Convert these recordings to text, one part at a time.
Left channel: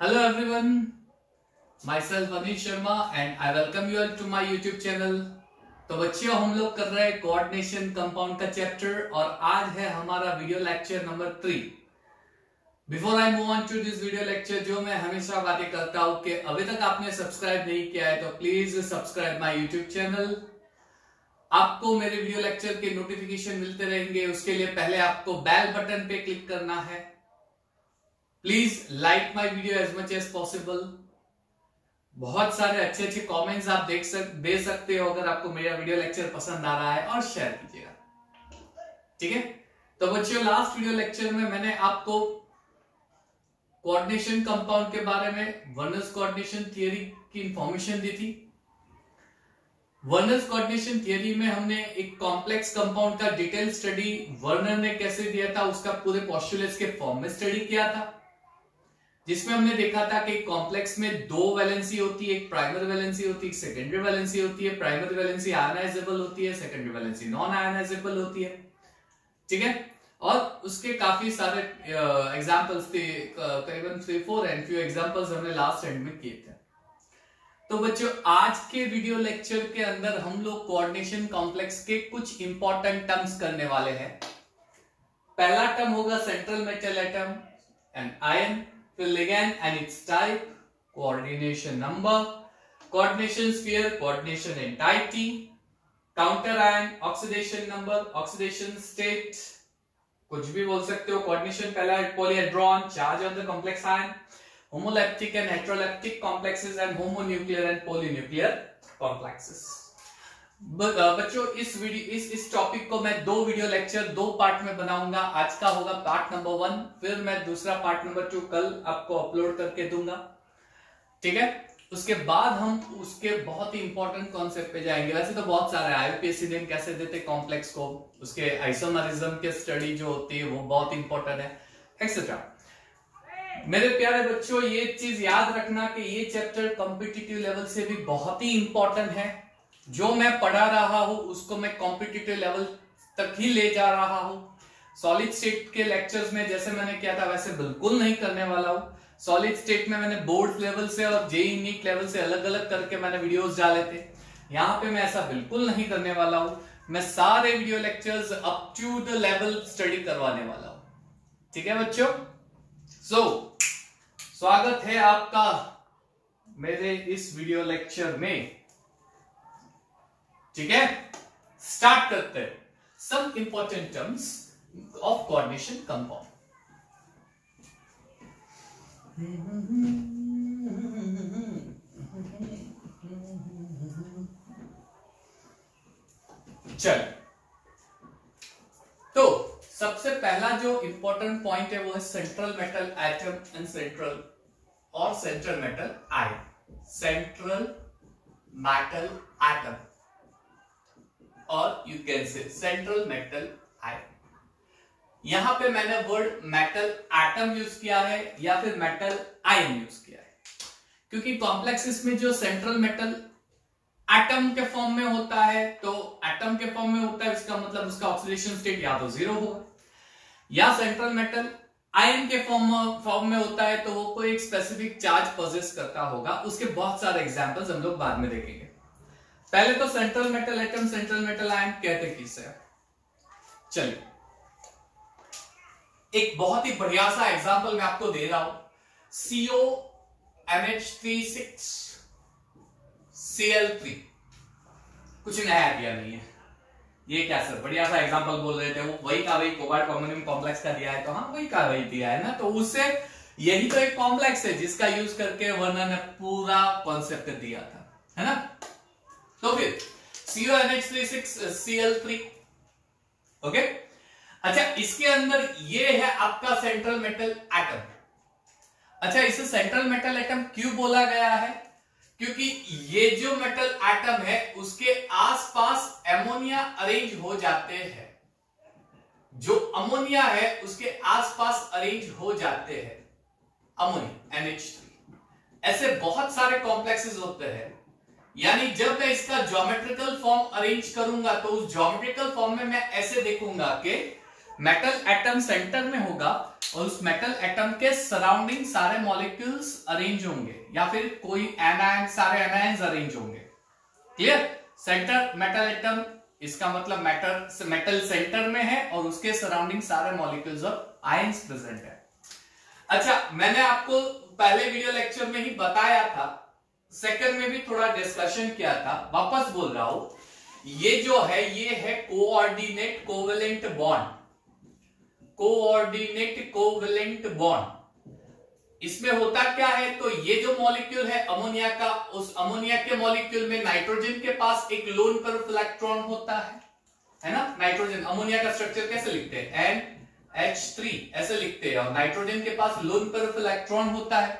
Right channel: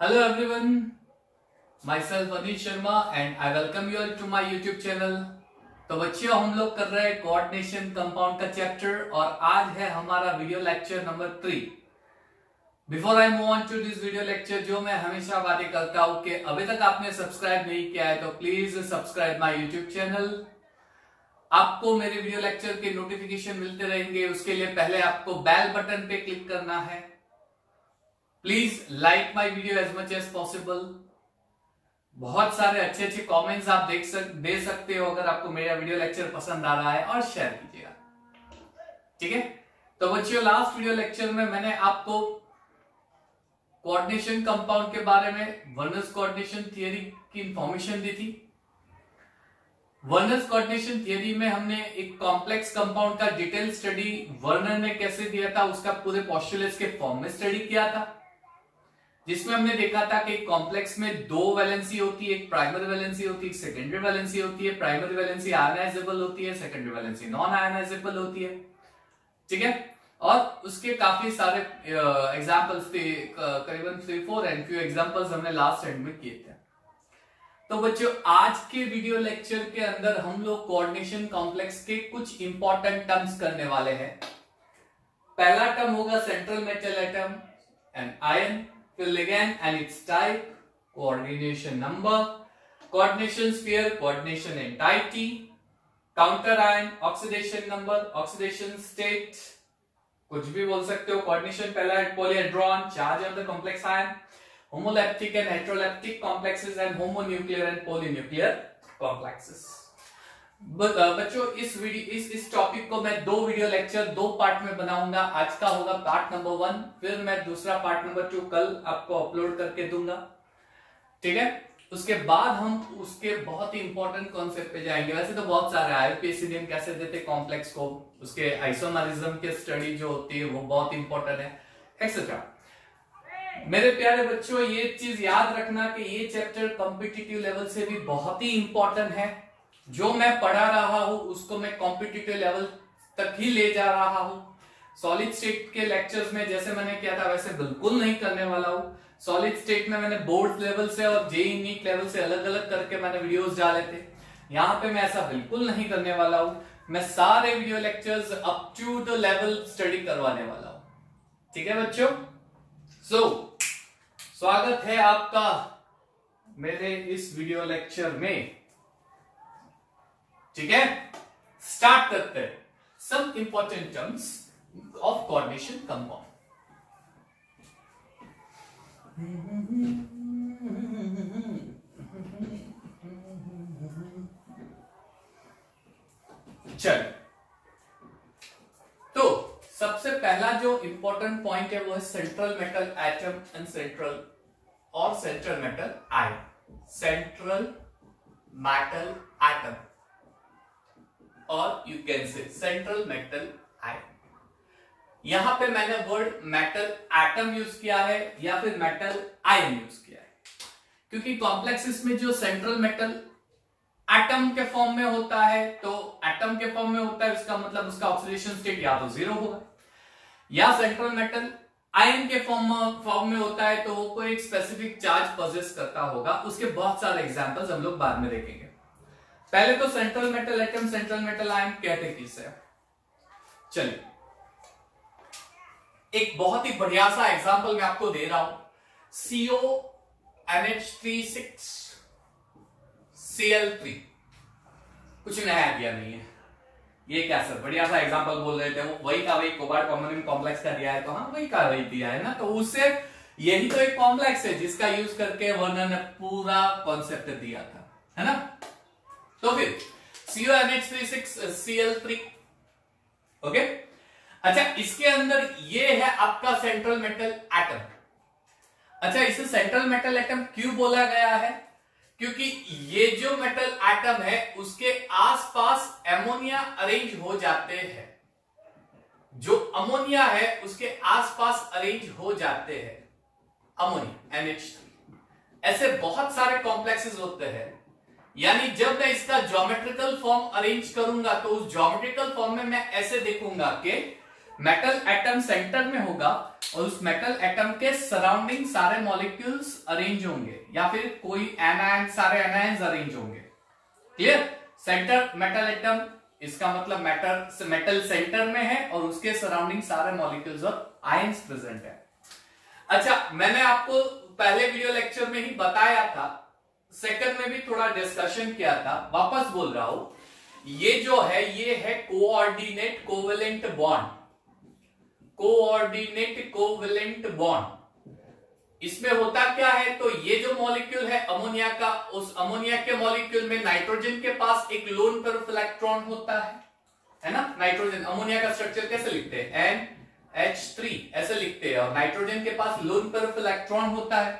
Hello everyone, myself Anish Sharma and I welcome you all to my YouTube channel। तो बच्चों हम लोग कर रहे हैं कोऑर्डिनेशन कंपाउंड का चैप्टर और आज है हमारा video lecture number 3। Before I move on to this video lecture, जो मैं हमेशा बातें करता हूं कि अभी तक आपने सब्सक्राइब नहीं किया है तो please subscribe my YouTube channel. आपको मेरे वीडियो लेक्चर के नोटिफिकेशन मिलते रहेंगे, उसके लिए पहले आपको बेल बटन पे क्लिक करना है। Please like my video as much as possible. बहुत सारे अच्छे अच्छे कमेंट्स आप दे सकते हो अगर आपको मेरा वीडियो लेक्चर पसंद आ रहा है, और शेयर कीजिएगा, ठीक है। तो बच्चों, लास्ट वीडियो लेक्चर में मैंने आपको कोऑर्डिनेशन कंपाउंड के बारे में वर्नर्स कोऑर्डिनेशन थियरी की इंफॉर्मेशन दी थी। वर्नर्स कोऑर्डिनेशन थियरी में हमने एक कॉम्प्लेक्स कंपाउंड का डिटेल स्टडी वर्नर ने कैसे दिया था, उसका पूरे पोस्टुलेट्स के फॉर्म में स्टडी किया था, जिसमें हमने देखा था कि कॉम्प्लेक्स में दो वैलेंसी होती है, एक प्राइमरी वैलेंसी होती है, एक सेकेंडरी वैलेंसी होती है। प्राइमरी वैलेंसी आयनाइजेबल होती है, सेकेंडरी वैलेंसी नॉन आयनाइजेबल होती है, ठीक है। और उसके काफी सारे एग्जांपल्स थे, करीबन 3-4 एंड फ्यू एग्जांपल्स हमने लास्ट एंड में किए थे। तो बच्चों, आज के वीडियो लेक्चर के अंदर हम लोग कोऑर्डिनेशन कॉम्प्लेक्स के कुछ इंपॉर्टेंट टर्म्स करने वाले हैं। पहला टर्म होगा central metal atom and ion, फिर ligand and its type, coordination number, coordination sphere, coordination entity, counter ion, oxidation number, oxidation state, कुछ भी बोल सकते हो। कोऑर्डिनेशन पहला polyhedron, charge on the complex ion, homoleptic and heteroleptic complexes and homonuclear and polynuclear complexes. बच्चों, इस topic को मैं दो वीडियो लेक्चर दो पार्ट में बनाऊंगा। आज का होगा पार्ट नंबर 1, फिर मैं दूसरा पार्ट नंबर 2 कल आपको अपलोड करके दूंगा, ठीक है। उसके बाद हम उसके बहुत ही इंपॉर्टेंट कॉन्सेप्ट पे जाएंगे। वैसे तो बहुत सारे आईयूपीएसी कैसे देते कॉम्प्लेक्स को, उसके आइसोमरिज्म के स्टडी जो होती है वो बहुत इंपॉर्टेंट है, एक्सेट्रा। मेरे प्यारे बच्चों, ये चीज याद रखना कि ये चैप्टर कॉम्पिटिटिव लेवल से भी बहुत ही इंपॉर्टेंट है। जो मैं पढ़ा रहा हूं उसको मैं कॉम्पिटिटिव लेवल तक ही ले जा रहा हूं। सॉलिड स्टेट के लेक्चर्स में जैसे मैंने किया था वैसे बिल्कुल नहीं करने वाला हूं। सॉलिड स्टेट में मैंने बोर्ड लेवल से और जेईई नीट लेवल से अलग अलग करके मैंने वीडियोस डाले थे। यहां पे मैं ऐसा बिल्कुल नहीं करने वाला हूं। मैं सारे video lectures up to the level study करवाने वाला हूं, ठीक है बच्चों। स्वागत है आपका मेरे इस वीडियो लेक्चर में, ठीक है। स्टार्ट करते हैं। Some important terms of coordination compound. चल, तो सबसे पहला जो इंपॉर्टेंट पॉइंट है वो है central metal atom and central metal ion. Central metal atom और you can say central metal ion. यहां पे मैंने वर्ड मेटल एटम यूज किया है या फिर मेटल आयन यूज किया है, क्योंकि कॉम्प्लेक्सेस में जो सेंट्रल मेटल एटम के फॉर्म में होता है, तो एटम के फॉर्म में होता है, इसका मतलब उसका ऑक्सीडेशन स्टेट या तो 0 होगा, या सेंट्रल मेटल आयन के फॉर्म में होता है तो वो कोई एक स्पेसिफिक चार्ज पोजेस करता होगा। उसके बहुत सारे एग्जांपल्स हम लोग बाद में देखेंगे। पहले तो central metal atom, central metal ion कहते किसे। चलिए, एक बहुत ही बढ़िया सा एग्जांपल मैं आपको दे रहा हूं। CONH3CL3, कुछ नया दिया नहीं है। ये क्या सर, बढ़िया सा एग्जांपल बोल रहे थे, वो वही का वही कोबाल्ट परमानेंट कॉम्प्लेक्स का दिया है, तो हाँ वही का वही दिया है ना, तो उससे यही तो एक कॉम्प्लेक्स है जिसका यूज करके वर्नर ने पूरा कॉन्सेप्ट दिया था, है ना। तो फिर CONH3CL3, ओके। अच्छा, इसके अंदर ये है आपका सेंट्रल मेटल एटम। अच्छा, इसे सेंट्रल मेटल एटम क्यों बोला गया है? क्योंकि ये जो मेटल एटम है उसके आसपास एमोनिया अरेंज हो जाते हैं। जो अमोनिया है उसके आसपास अरेंज हो जाते हैं अमोनिया NH3। ऐसे बहुत सारे कॉम्प्लेक्सेस होते हैं, यानी जब मैं इसका ज्योमेट्रिकल फॉर्म अरेंज करूंगा तो उस ज्योमेट्रिकल फॉर्म में मैं ऐसे देखूंगा कि मेटल एटम सेंटर में होगा और उस मेटल एटम के सराउंडिंग सारे मॉलिक्यूल्स अरेंज होंगे, या फिर कोई एनायन, सारे एनायंस अरेंज होंगे। क्लियर? सेंटर मेटल एटम, इसका मतलब मेटल सेंटर में है और उसके सराउंडिंग सारे मॉलिक्यूल्स और आयंस प्रेजेंट है। अच्छा, मैंने आपको पहले वीडियो लेक्चर में ही बताया था, सेकंड में भी थोड़ा डिस्कशन किया था, वापस बोल रहा हूं, ये जो है ये है coordinate covalent bond. Coordinate covalent bond, इसमें होता क्या है, तो ये जो मॉलिक्यूल है अमोनिया का, उस अमोनिया के मॉलिक्यूल में नाइट्रोजन के पास एक लोन पेयर इलेक्ट्रॉन होता है ना। नाइट्रोजन, अमोनिया का स्ट्रक्चर कैसे लिखते हैं, NH3 ऐसे लिखते हैं, और नाइट्रोजन के पास लोन पेयर इलेक्ट्रॉन होता है।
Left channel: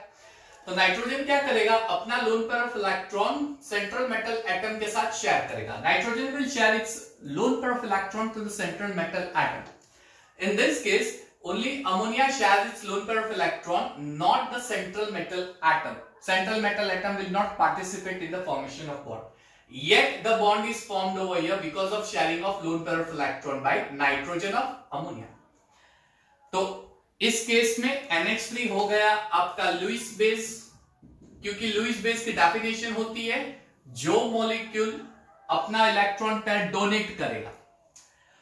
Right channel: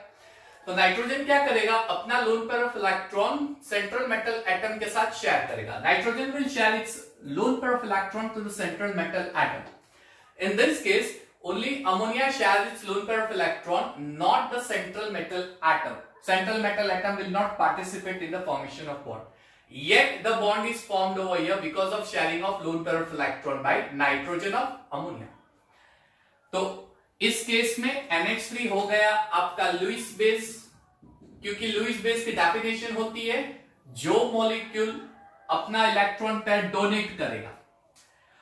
तो नाइट्रोजन क्या करेगा, अपना lone pair electron central metal atom के साथ शेयर करेगा। Nitrogen will share its lone pair electron to the central metal atom. In this case, only ammonia shares its lone pair of electron, not the central metal atom. Central metal atom will not participate in the formation of bond. Yet the bond is formed over here because of sharing of lone pair of electron by nitrogen of ammonia. तो इस case में NH3 हो गया आपका Lewis base, क्योंकि Lewis base की definition होती है जो मॉलिक्यूल अपना इलेक्ट्रॉन पेयर डोनेट करेगा,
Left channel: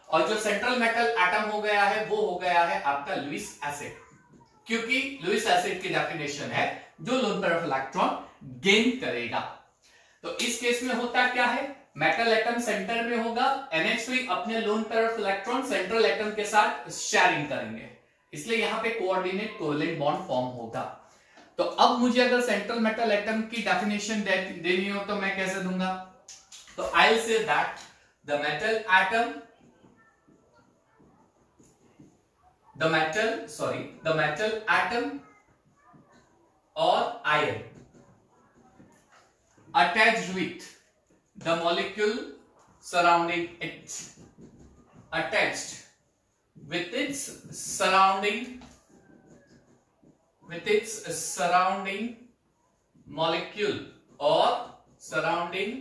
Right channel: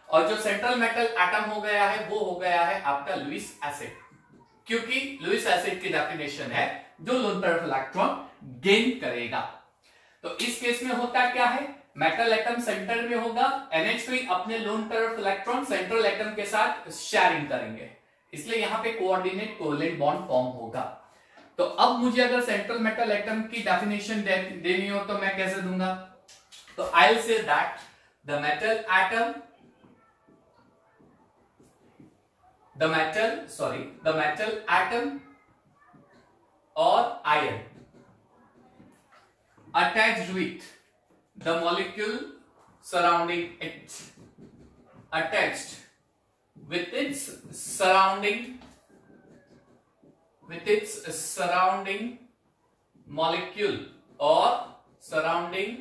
और जो सेंट्रल मेटल एटम हो गया है वो हो गया है आपका लुईस एसिड, क्योंकि लुईस एसिड की डेफिनेशन है जो loan pair of electron gain करेगा। तो इस केस में होता क्या है, मेटल एटम सेंटर में होगा, NH3 अपने loan pair of electron central atom के साथ शेयरिंग करेंगे, इसलिए यहां पे कोऑर्डिनेट कोवेलेंट बॉन्ड फॉर्म होगा। तो अब मुझे अगर सेंट्रल मेटल एटम की डेफिनेशन देनी हो तो मैं कैसे दूंगा, तो I will say that the metal atom, the metal atom or ion attached with the molecule surrounding it, attached with its surrounding molecule or surrounding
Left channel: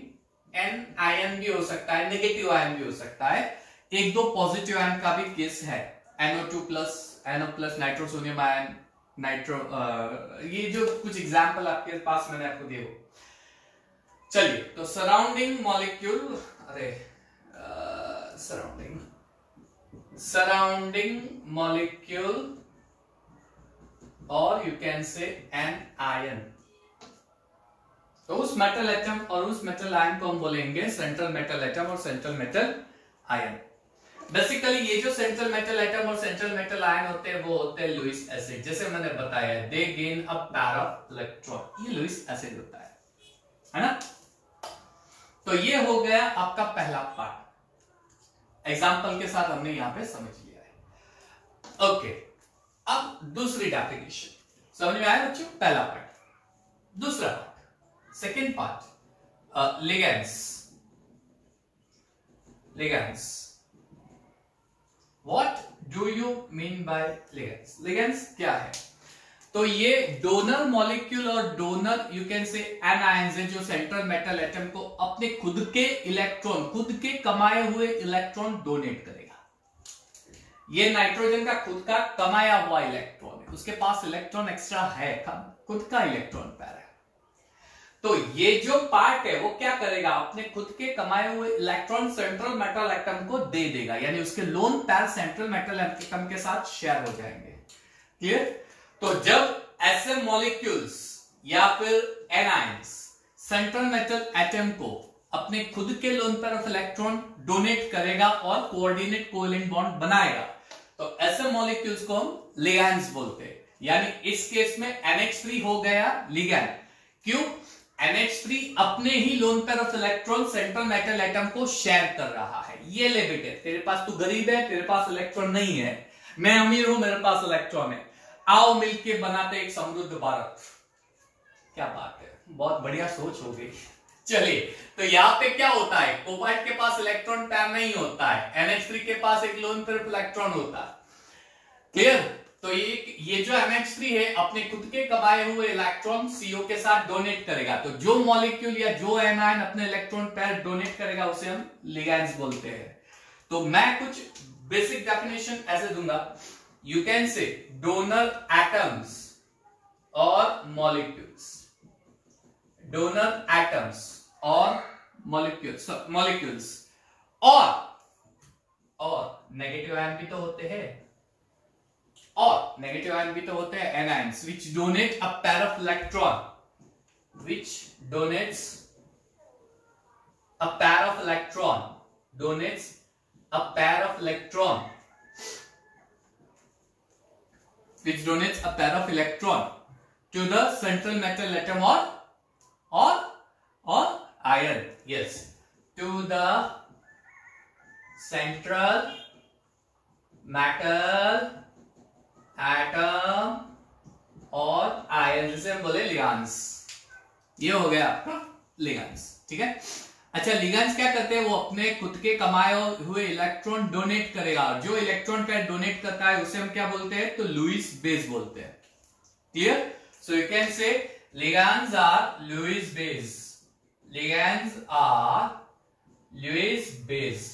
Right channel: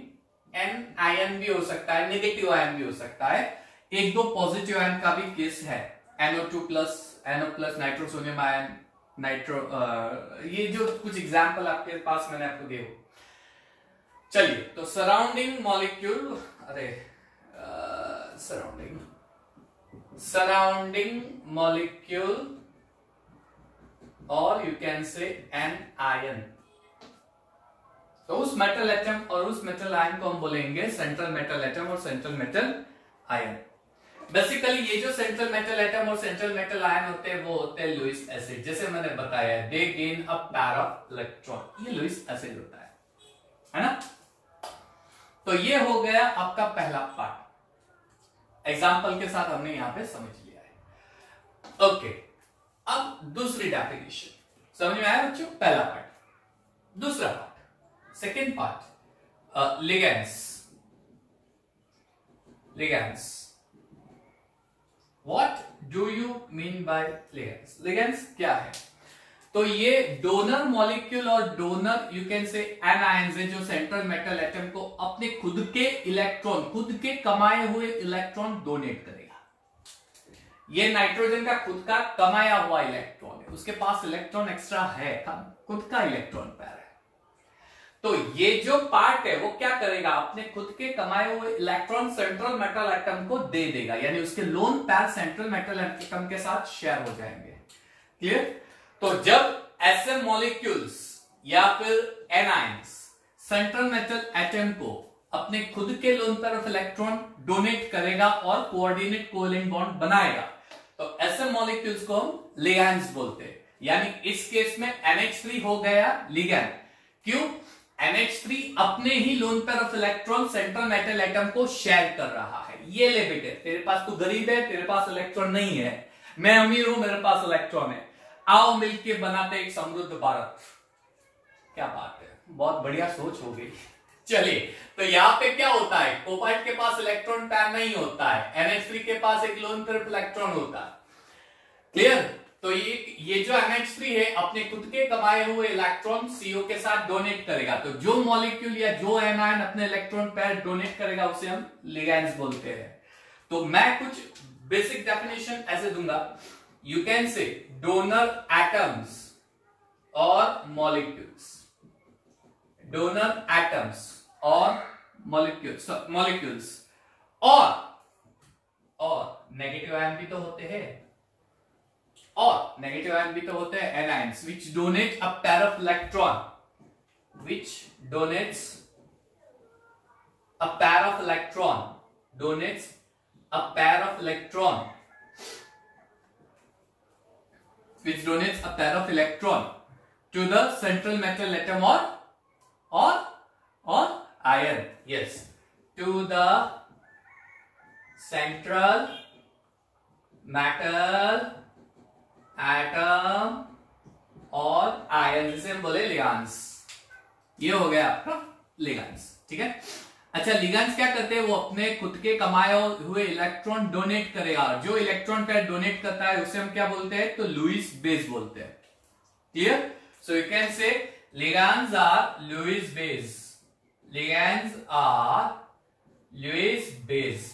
n ion भी हो सकता है, नेगेटिव आयन भी हो सकता है, एक दो पॉजिटिव आयन का भी केस है, NO2 plus, NO plus, nitrosonium ion, nitro, ये जो कुछ एग्जाम्पल आपके पास मैंने आपको दिए। चलिए, तो सराउंडिंग मॉलिक्यूल, सराउंडिंग मॉलिक्यूल और you can say an ion, तो उस मेटल एटम और उस मेटल आयन को हम बोलेंगे सेंट्रल मेटल एटम और सेंट्रल मेटल आयन। बेसिकली ये जो सेंट्रल मेटल एटम और सेंट्रल मेटल आयन होते हैं वो होते हैं लुईस एसिड, जैसे मैंने बताया दे gain a pair of electron, ये लुईस एसिड होता है ना। तो ये हो गया आपका पहला पार्ट, एग्जांपल के साथ हमने यहां पे समझ लिया है। ओके, अब दूसरी डेफिनेशन समझ में आया बच्चों, पहला पार्ट। दूसरा part, second part, ligands. What do you mean by ligands? Ligands क्या है? तो ये डोनर मॉलिक्यूल और डोनर यू कैन से एनायंस है, जो सेंट्रल मेटल एटम को अपने खुद के इलेक्ट्रॉन, खुद के कमाए हुए इलेक्ट्रॉन डोनेट करेगा। ये नाइट्रोजन का खुद का कमाया हुआ इलेक्ट्रॉन है, उसके पास इलेक्ट्रॉन एक्स्ट्रा है, खुद का इलेक्ट्रॉन पेयर है। तो ये जो पार्ट है वो क्या करेगा, अपने खुद के कमाए हुए इलेक्ट्रॉन सेंट्रल मेटल एटम को दे देगा, यानी उसके lone pair central metal atom के साथ शेयर हो जाएंगे। क्लियर? तो जब ऐसे मॉलिक्यूल्स या फिर एनायंस सेंट्रल मेटल एटम को अपने खुद के loan pair of electron donate करेगा और कोऑर्डिनेट कोवेलेंट बॉन्ड बनाएगा, तो ऐसे मॉलिक्यूल्स को हम लिगैंड्स बोलते हैं। यानी इस केस में NH3 हो गया लिगैंड। क्यों? NH3 अपने ही lone pair of electron central metal atom को शेयर कर रहा है। ये ले बेटे, तेरे पास तू गरीब है, तेरे पास इलेक्ट्रॉन नहीं है, मैं अमीर हूं, मेरे पास इलेक्ट्रॉन है, आओ मिलके बनाते एक समृद्ध भारत। क्या बात है, बहुत बढ़िया सोच हो गई। चलिए, तो यहां पे क्या होता है, कोबाल्ट के पास इलेक्ट्रॉन पेयर नहीं होता है, NH3 के पास एक लोन पेयर इलेक्ट्रॉन होता है। क्लियर? तो ये जो NH3 है अपने खुद के कमाए हुए इलेक्ट्रॉन CO के साथ डोनेट करेगा। तो जो मॉलिक्यूल या जो एनायन अपने इलेक्ट्रॉन पेयर डोनेट करेगा उसे हम लिगैंड्स बोलते हैं। तो मैं कुछ बेसिक डेफिनेशन ऐसे दूंगा, यू कैन से डोनर एटम्स और मॉलिक्यूल्स, डोनर एटम्स और मॉलिक्यूल्स और नेगेटिव आयन भी तो होते हैं, और नेगेटिव आयन भी तो होते हैं anions which donate a pair of electron, which donates a pair of electron, donates a pair of electron, which donates a pair of electron to the central metal atom or ion. Yes, to the central metal atom और ion, जिसे हम बोले ligands. ये हो गया आपका ligands, ठीक है। अच्छा, लिगैंड्स क्या करते हैं, वो अपने खुद के कमाए हुए इलेक्ट्रॉन डोनेट करेगा, जो इलेक्ट्रॉन पेयर डोनेट करता है उसे हम क्या बोलते हैं, तो लुईस बेस बोलते हैं। Clear? So you can say ligands are Lewis base, ligands are Lewis base.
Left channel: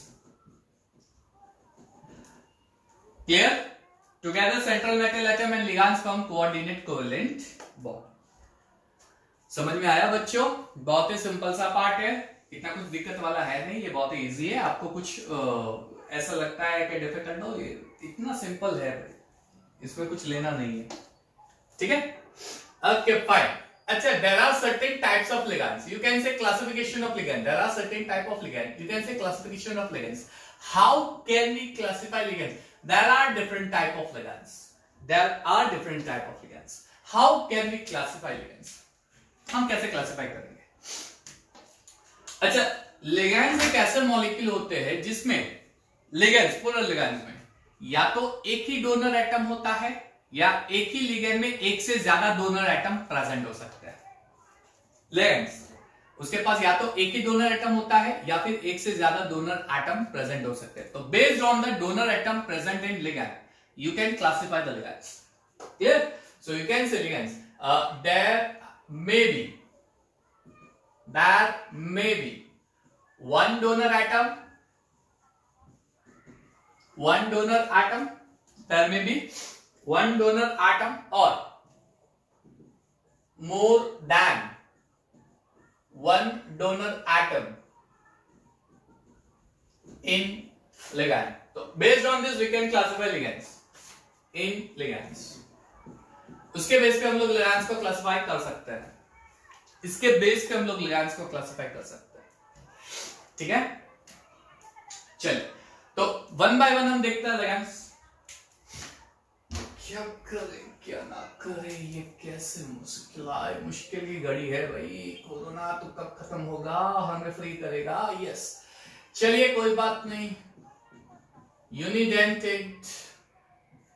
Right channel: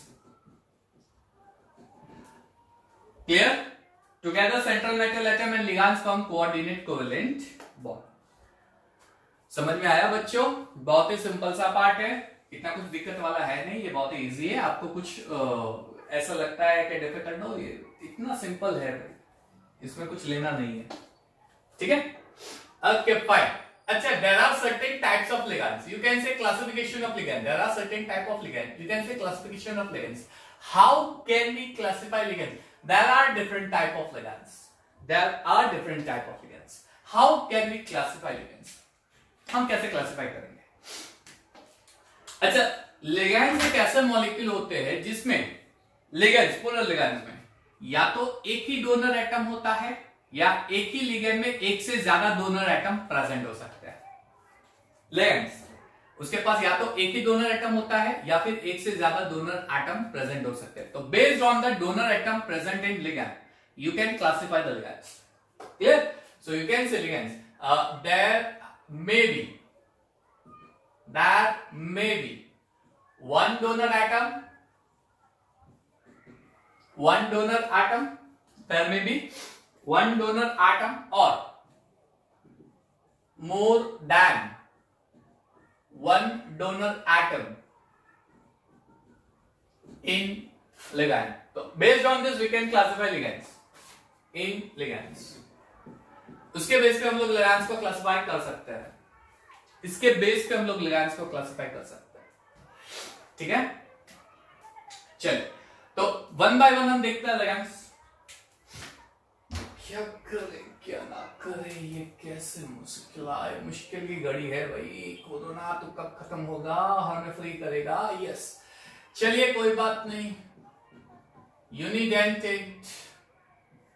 Clear? Together central metal atom and ligands form coordinate covalent bond. समझ में आया बच्चों? बहुत ही सिंपल सा पार्ट है, इतना कुछ दिक्कत वाला है नहीं, ये बहुत ही इजी है। आपको कुछ ऐसा लगता है कि डिफिकल्ट हो, ये इतना सिंपल है भाई, इसमें कुछ लेना नहीं है, ठीक है। Okay fine. अच्छा, there are certain types of ligands, you can say classification of ligand, there are certain type of ligand, you can say classification of ligands. How can we classify ligand? There are different type of ligands, there are different type of ligands. How can we classify ligands? हम कैसे classify करेंगे? अच्छा, ligands एक ऐसे molecule होते हैं जिसमें ligands, पूरा लिगैंड्स में या तो एक ही डोनर एटम होता है या एक ही लिगैंड में एक से ज्यादा डोनर एटम प्रेजेंट हो सकता है। लिगैंड्स, उसके पास या तो एक ही डोनर एटम होता है या फिर एक से ज्यादा डोनर एटम प्रेजेंट हो सकते हैं। तो based on the donor atom present in ligand, you can classify the ligands. Clear? So you can say ligands, there may be one donor atom, there may be one donor atom or more than one donor atom in ligand. So based on this we can classify ligands in ligands. उसके base पे हम लोग ligands को classify कर सकते हैं, इसके base पे हम लोग लिगैंड्स को क्लासिफाई कर सकते हैं, ठीक है। चलिए, तो वन बाय वन हम देखते हैं लिगैंड्स। क्या करे क्या ना करे, ये कैसे मुश्किल की घड़ी है भाई। कोरोना तो कब खत्म होगा, हमें फ्री करेगा। यस, चलिए कोई बात नहीं। Unidentate,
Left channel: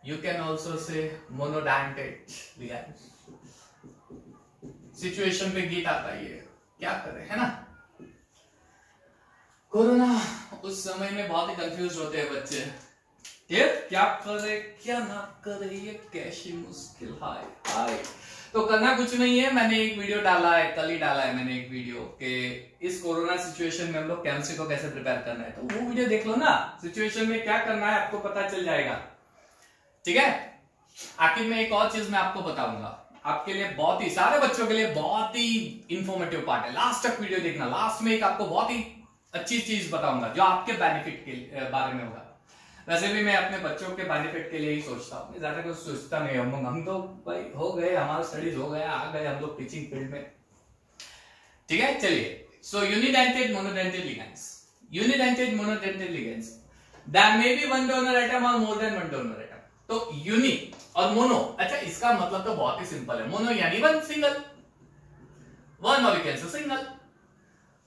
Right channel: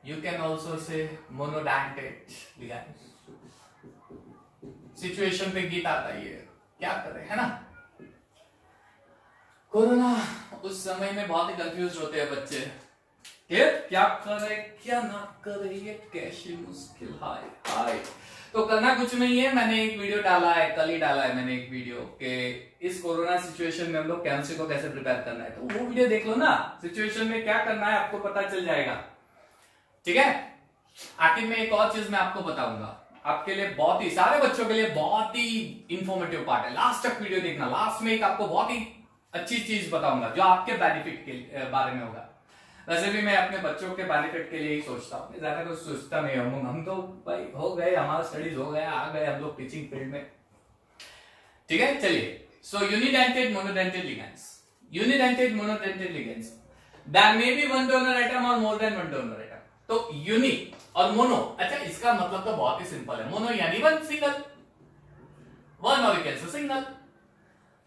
you can also say monodentate ligands। Situation पे गीत आता है, ये क्या करे, है ना। कोरोना उस समय में बहुत ही कंफ्यूज होते हैं बच्चे, ये क्या करे क्या ना करे, ये कैसी मुश्किल है। तो करना कुछ नहीं है, मैंने एक वीडियो डाला है, कल ही डाला है मैंने एक वीडियो कि इस कोरोना सिचुएशन में हम लोग केमिस्ट्री को कैसे प्रिपेयर करना है। तो वो वीडियो देख लो ना, सिचुएशन में क्या करना है आपको पता चल जाएगा, ठीक है। आखिर में एक और चीज मैं आपको बताऊंगा, आपके लिए बहुत ही, सारे बच्चों के लिए बहुत ही इंफॉर्मेटिव पार्ट है। लास्ट तक वीडियो देखना, लास्ट में एक आपको बहुत ही अच्छी चीज बताऊंगा जो आपके बेनिफिट के बारे में होगा। वैसे भी मैं अपने बच्चों के बेनिफिट के लिए ही सोचता हूँ, ज्यादा कुछ सोचता नहीं। हम तो भाई हो गए, हमारा स्टडीज हो गया, आ गए हम लोग टीचिंग फील्ड में, ठीक है। चलिए, so unidentate monodentate ligands, unidentate monodentate ligands, there may be one donor atom और more than one donor atom. तो यूनि और मोनो, अच्छा इसका मतलब तो बहुत ही सिंपल है। मोनो यानी वन, सिंगल, वन और कैसे सिंगल।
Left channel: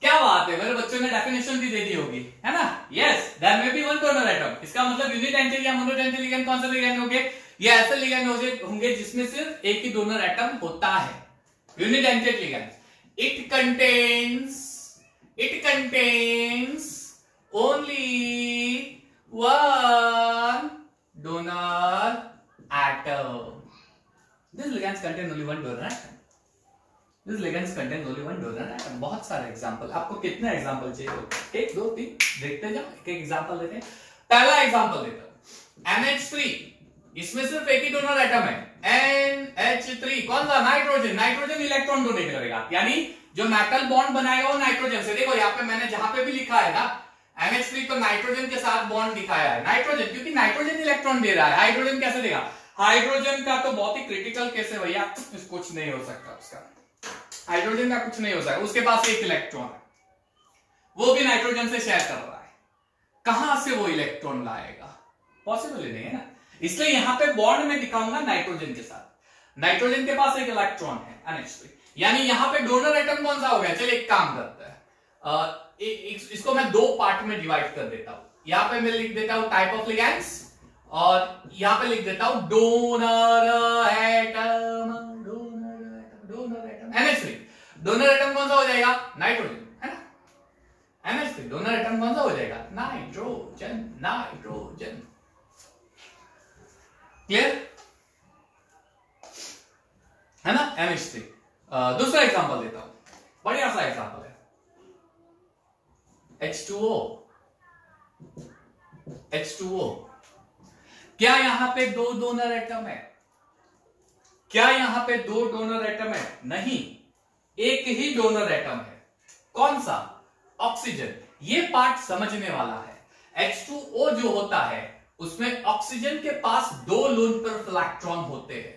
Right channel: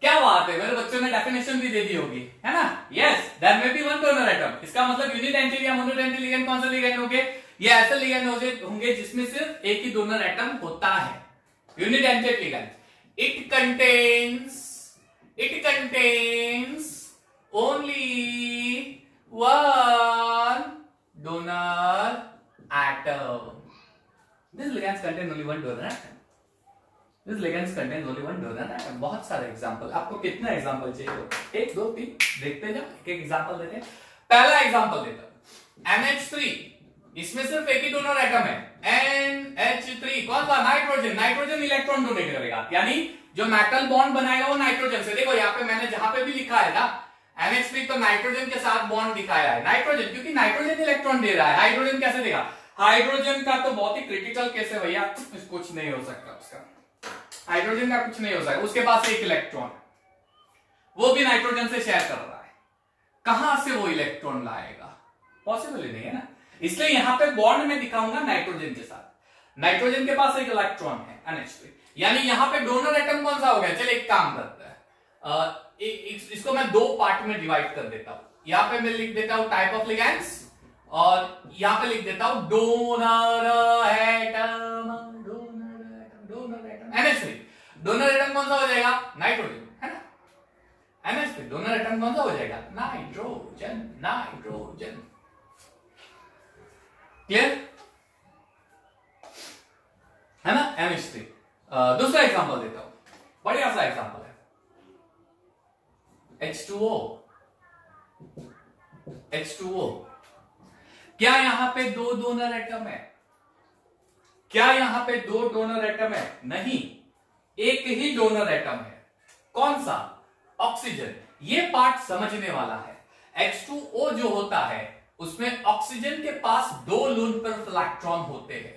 क्या बात है, मेरे बच्चों ने डेफिनेशन भी दे दी होगी, है ना। Yes, there may be one donor atom, इसका मतलब यूनिडेंटेड या मोनोडेंटेड लिगैंड कौन सा लिगैंड होंगे, ये ऐसे लिगैंड होंगे जिसमें सिर्फ एक ही डोनर एटम होता है। Unidentate ligand, it contains only one donor atom. These ligands contain only one donor atom. These ligands contain only one donor atom. बहुत सारे एग्जांपल, आपको कितने एग्जांपल चाहिए? एक दो तीन देखते जाओ, एक एक एग्जांपल देते हैं। पहला एग्जांपल देता हूं, NH3, इसमें सिर्फ एक ही डोनर एटम है, NH3, कौन सा? नाइट्रोजन। नाइट्रोजन इलेक्ट्रॉन डोनेट करेगा, यानी जो मेटल बॉन्ड बनाएगा वो नाइट्रोजन से। देखो यहाँ पे मैंने जहां पे भी लिखा है ना NH3 तो नाइट्रोजन के साथ बॉन्ड दिखाया है, नाइट्रोजन, क्योंकि नाइट्रोजन इलेक्ट्रॉन दे रहा है। हाइड्रोजन कैसे देगा? हाइड्रोजन का तो बहुत ही क्रिटिकल केस है भैया, कुछ नहीं हो सकता उसका, हाइड्रोजन का कुछ नहीं हो सकता, उसके पास एक इलेक्ट्रॉन है, वो भी नाइट्रोजन से शेयर कर रहा है, कहां से वो इलेक्ट्रॉन लाएगा? पॉसिबल ही नहीं है ना। इसलिए यहां पे बॉन्ड में दिखाऊंगा नाइट्रोजन के साथ, नाइट्रोजन के पास एक इलेक्ट्रॉन है NH3, यानी यहां पे डोनर एटम कौन सा हो गया? चलिए एक काम करते हैं, इसको मैं दो पार्ट में डिवाइड कर देता हूं। यहां पे मैं लिख देता हूं टाइप ऑफ लिगैंड्स, और यहां पे लिख देता हूं donor atom, donor atom NH3। Donor atom कौन सा हो जाएगा? नाइट्रोजन, है ना। NH3 डोनर एटम कौन सा हो जाएगा? Nitrogen, nitrogen. क्लियर है ना। NH3। दूसरा एग्जांपल देता हूं, बढ़िया सा एग्जांपल है, H2O। H2O, क्या यहां पे दो डोनर एटम है? क्या यहां पे दो डोनर एटम है? नहीं, एक ही डोनर एटम है। कौन सा? ऑक्सीजन। ये पार्ट समझने वाला है। H2O जो होता है उसमें ऑक्सीजन के पास दो लोन पेयर ऑफ इलेक्ट्रॉन होते हैं,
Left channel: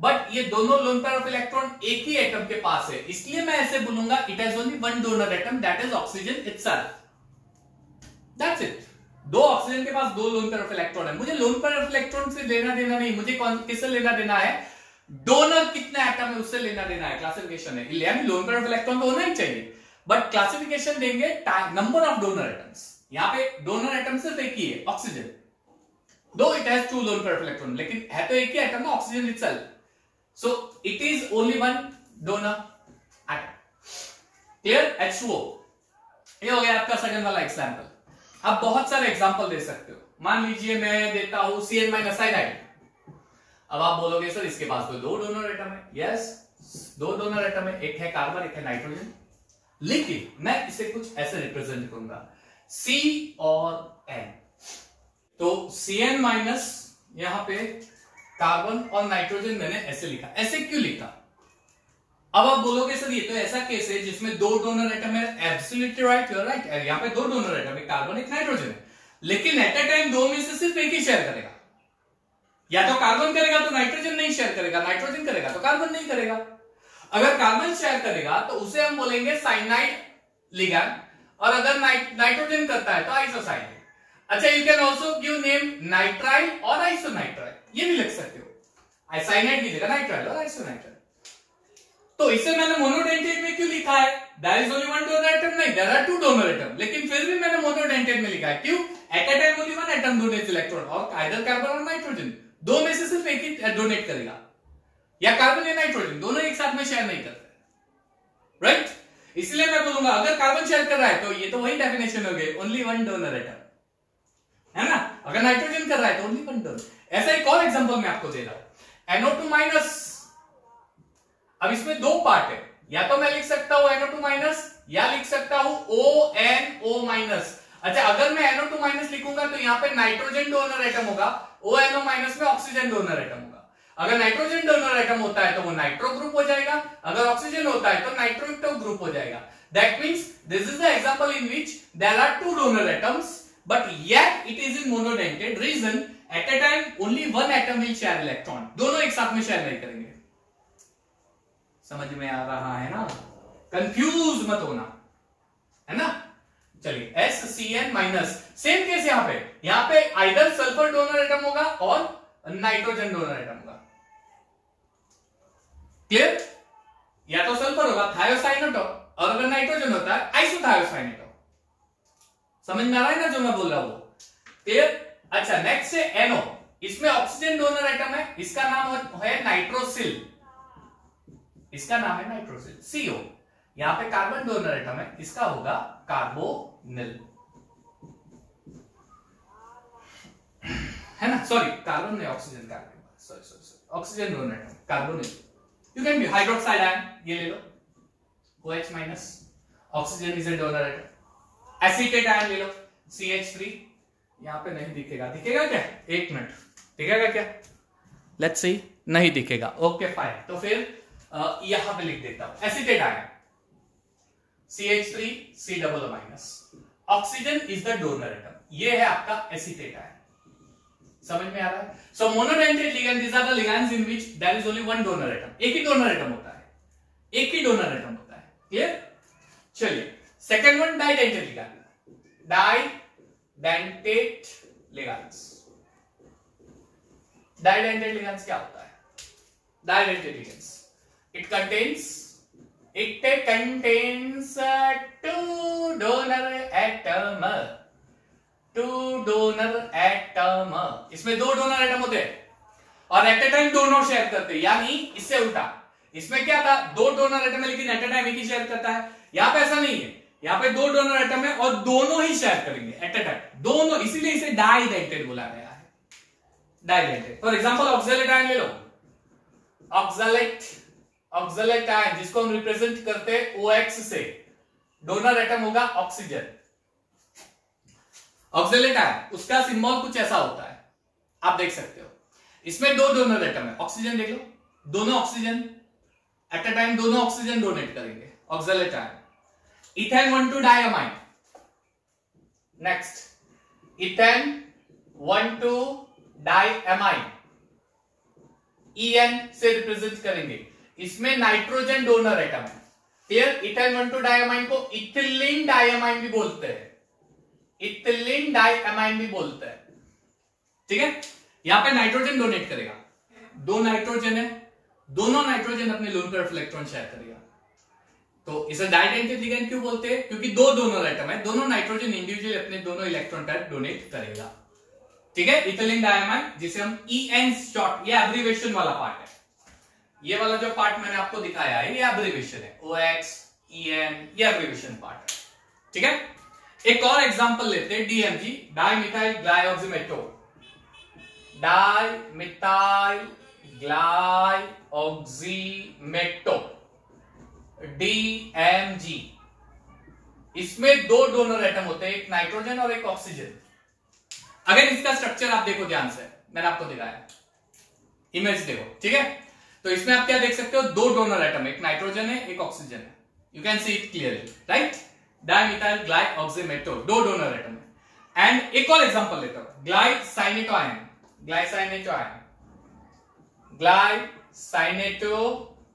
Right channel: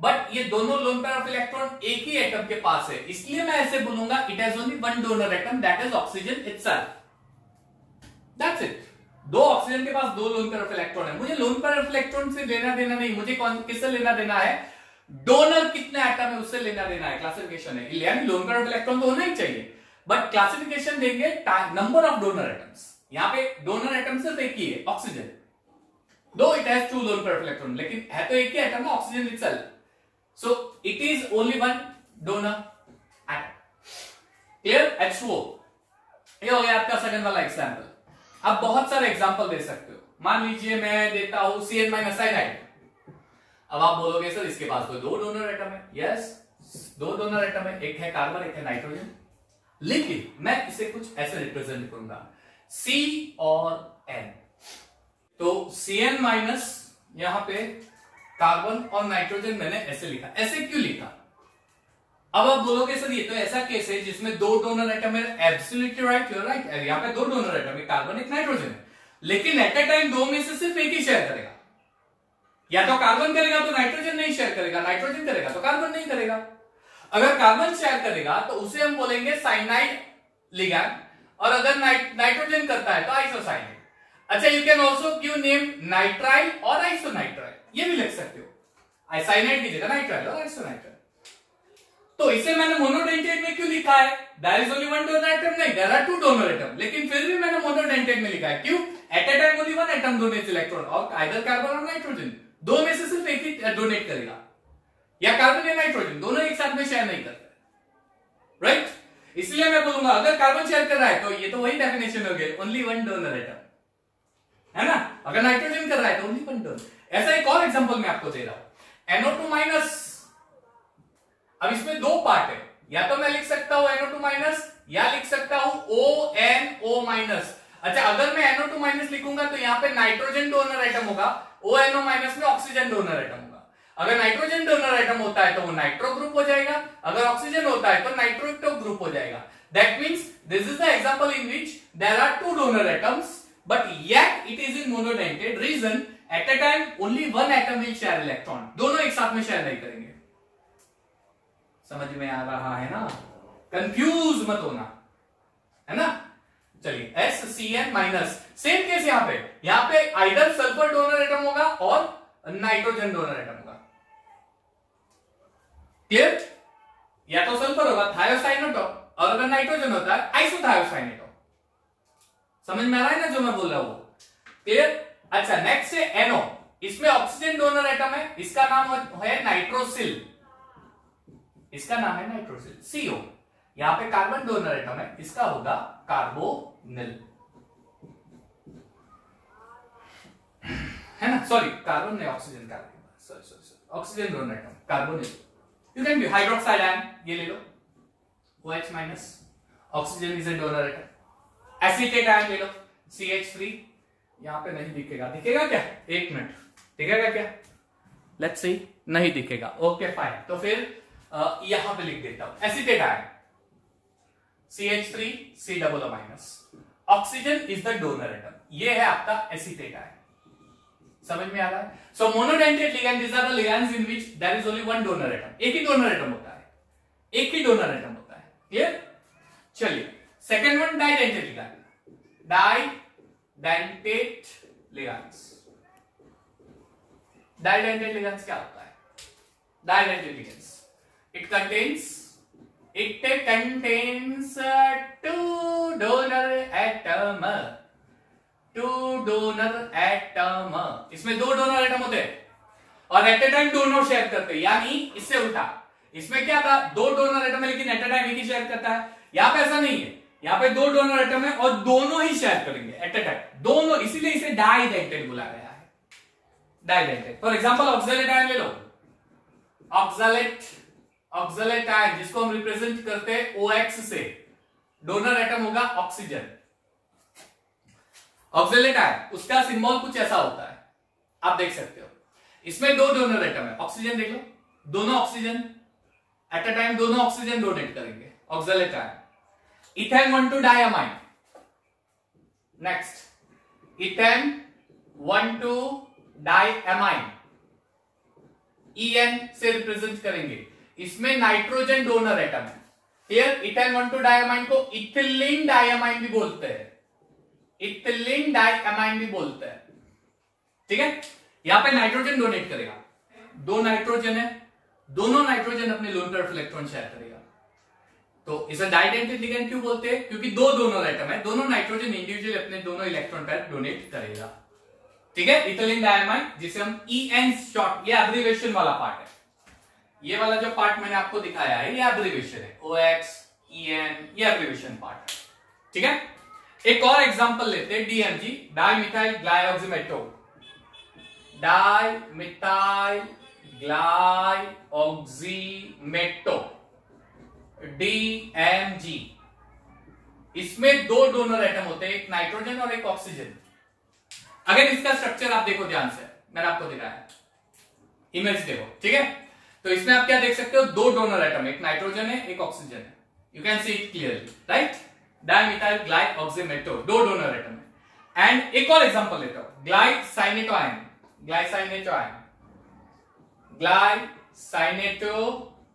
बट ये दोनों लोन पेयर ऑफ इलेक्ट्रॉन एक ही एटम के पास है, इसलिए मैं ऐसे बोलूंगा it has only one donor atom, that is oxygen itself. That's it. दो ऑक्सीजन के पास दो लोन पेयर ऑफ इलेक्ट्रॉन है। मुझे लोन पेयर ऑफ इलेक्ट्रॉन से लेना देना नहीं, मुझे किससे लेना देना है? डोनर कितने एटम है उससे लेना देना है। क्लासिफिकेशन है, यानी लोन पेयर ऑफ इलेक्ट्रॉन तो होना ही चाहिए, बट क्लासिफिकेशन देंगे नंबर ऑफ डोनर एटम्स। यहां पे डोनर एटम सिर्फ एक ही है, oxygen, though it has two lone pair of electron, लेकिन है तो एक ही एटम ना, oxygen itself, so it is only one donor atom. Clear. H2O, ये हो गया आपका सेकंड वाला एग्जांपल। आप बहुत सारे एग्जांपल दे सकते हो। मान लीजिए मैं देता हूं CN- साइनाइड। अब आप बोलोगे सर इसके पास तो दो डोनर एटम है। यस, दो डोनर एटम है, एक है कार्बन, एक है नाइट्रोजन, लेकिन मैं इसे कुछ ऐसे रिप्रेजेंट करूंगा, C और N। तो CN- यहां पे कार्बन और नाइट्रोजन मैंने ऐसे लिखा। ऐसे क्यों लिखा? अब आप बोलोगे सर ये तो ऐसा केस है जिसमें दो डोनर एटम है। Absolutely right, you are right. यहां पे दो डोनर एटम है, कार्बन एक नाइट्रोजन है, लेकिन एट ए टाइम दो में से सिर्फ एक ही शेयर करेगा। या तो कार्बन करेगा तो नाइट्रोजन नहीं शेयर करेगा, नाइट्रोजन करेगा तो कार्बन नहीं करेगा। अगर कार्बन शेयर करेगा तो उसे हम बोलेंगे साइनाइड लिगैंड, और अगर नाइट्रोजन करता है तो आइसोसाइनाइड। अच्छा, you can also give name nitrile और आइसोनाइट्राइल, ये भी लिख सकते हो। साइनाइड की जगह नाइट्राइल और आइसोनाइट्राइल। तो इसे मैंने मोनोडेंटेट में क्यों लिखा है? There is only one donor atom, नहीं, there are two donor atom, लेकिन फिर भी मैंने मोनोडेंटेट में लिखा है। क्यों? At a time only one atom donates electron, और आइदर कार्बन और नाइट्रोजन, दो में से सिर्फ एक ही डोनेट करेगा, या कार्बन या नाइट्रोजन, दोनों एक साथ में शेयर नहीं करते, राइट? इसलिए मैं बोलूंगा अगर कार्बन शेयर कर रहा है तो ये तो वही डेफिनेशन हो गई, ओनली वन डोनर एटम, है ना। अगर नाइट्रोजन कर रहा है तो ओनली वन डोनर। ऐसा एक और एग्जांपल मैं आपको दे रहा हूं, NO2-। अब इसमें दो पार्ट है, या तो मैं लिख सकता हूं NO2- या लिख सकता हूं ONO-। अच्छा, अगर मैं NO2- लिखूंगा तो यहां पे नाइट्रोजन डोनर एटम होगा, ONO- में ऑक्सीजन डोनर एटम होगा। अगर नाइट्रोजन डोनर एटम होता है तो वो नाइट्रो ग्रुप हो जाएगा, अगर ऑक्सीजन होता है तो नाइट्रोटो ग्रुप हो जाएगा। That means this is the example in which there are two donor atoms, but yet it is in monodentate. Reason, at a time only one atom will share electron, दोनों एक साथ में share नहीं करेंगे। समझ में आ रहा है ना? कंफ्यूज मत होना, है ना। चलिए, SCN-। सेम केस यहां पे आइदर सल्फर डोनर एटम होगा और नाइट्रोजन डोनर एटम होगा। क्लियर? या तो सल्फर होगा थायोसाइनेटो, और अगर नाइट्रोजन होता है आइसोथायोसाइनेटो। समझ में आ रहा है ना जो मैं बोल रहा हूं? क्लियर? अच्छा, नेक्स्ट है NO। इसमें ऑक्सीजन डोनर एटम है, इसका नाम है नाइट्रोसिल, इसका नाम है नाइट्रोसिल। CO, यहां पे कार्बन डोनर एटम है, इसका होगा कार्बोनिल, है ना। सॉरी, कार्बन नहीं, oxygen, carbon, sorry, oxygen donor atom carbonyl. You can be hydroxide ion, ये ले लो, OH-। Oxygen is a donor atom. Acetate ion ले लो, CH3, यहां पे नहीं दिखेगा, दिखेगा क्या? एक मिनट, दिखेगा क्या? लेट्स सी, नहीं दिखेगा। ओके फाइन, तो फिर यहां पे लिख देता हूं acetate ion CH3C++। Oxygen is the donor atom, ये है आपका एसीटेट आयन। समझ में आ रहा है? So monodentate ligand, these are the ligands in which there is only one donor atom. एक ही डोनर एटम होता है, एक ही डोनर एटम होता है। क्लियर? चलिए second one, डाइडेंटेट ligand. डाइडेंटेट ligands, डाइडेंटेट ligands क्या होता है? डाइडेंटेट ligands, it contains two donor atom, इसमें दो डोनर एटम होते हैं और एट ए टाइम दोनों शेयर करते हैं, यानी इससे उल्टा। इसमें क्या था? दो डोनर एटम है लेकिन एट ए टाइम एक ही शेयर करता है। यहां पे ऐसा नहीं है, यहां पे दो डोनर एटम है और दोनों ही शेयर करेंगे एट ए टाइम, दोनों, इसीलिए इसे डाइडेंटेट बोला गया है। डाइडेंटेट, फॉर एग्जांपल ऑक्सैलेट आयन ले लो। ऑक्सैलेट आयन जिसको हम रिप्रेजेंट करते हैं OX से, डोनर एटम होगा ऑक्सीजन। ऑक्सैलेट आयन, उसका सिंबल कुछ ऐसा होता है, आप देख सकते हो। इसमें दो डोनर एटम है, ऑक्सीजन देख लो, दोनों ऑक्सीजन एट अ टाइम, दोनों ऑक्सीजन डोनेट करेंगे। Oxalate ion. Ethane 1,2 diamine, next ethane 1,2 diamine, EN से रिप्रेजेंट करेंगे। इसमें नाइट्रोजन डोनर एटम है। क्लियर? इथेन 1,2 डायमाइन को इथिलीन डायमाइन भी बोलते हैं, इथिलीन डायमाइन भी बोलते हैं। ठीक है? यहां पे नाइट्रोजन डोनेट करेगा, दो नाइट्रोजन है, दोनों नाइट्रोजन अपने loan pair of electron share करेगा। तो इसे डाइडेंटेट लिगैंड क्यों बोलते हैं? क्योंकि दो डोनर एटम है, दोनों नाइट्रोजन इंडिविजुअल अपने दोनों इलेक्ट्रॉन पेयर डोनेट करेगा। ठीक है? इथिलीन डायमाइन, जिसे हम EN शॉर्ट, ये एब्रिविएशन वाला पार्ट है। ये वाला जो पार्ट मैंने आपको दिखाया है, ये एब्रिविएशन है, OX, EN, ये एब्रिविएशन पार्ट है। ठीक है? एक और एग्जांपल लेते हैं, DMG, dimethyl glyoximato. Dimethyl glyoximato, DMG। इसमें दो डोनर एटम होते हैं, एक नाइट्रोजन और एक ऑक्सीजन। अगर इसका स्ट्रक्चर आप देखो ध्यान से, मैंने आपको दिखाया, इमेज देखो। ठीक है? तो इसमें आप क्या देख सकते हो? दो डोनर एटम, एक नाइट्रोजन है, एक ऑक्सीजन है। You can see it clearly, right? Dimethyl glyoximato, दो डोनर एटम है। एंड एक और एग्जांपल लेता हूं, ग्लाइसाइनेटो आयन, ग्लाइसाइनेटो आयन, ग्लाइसाइनेटो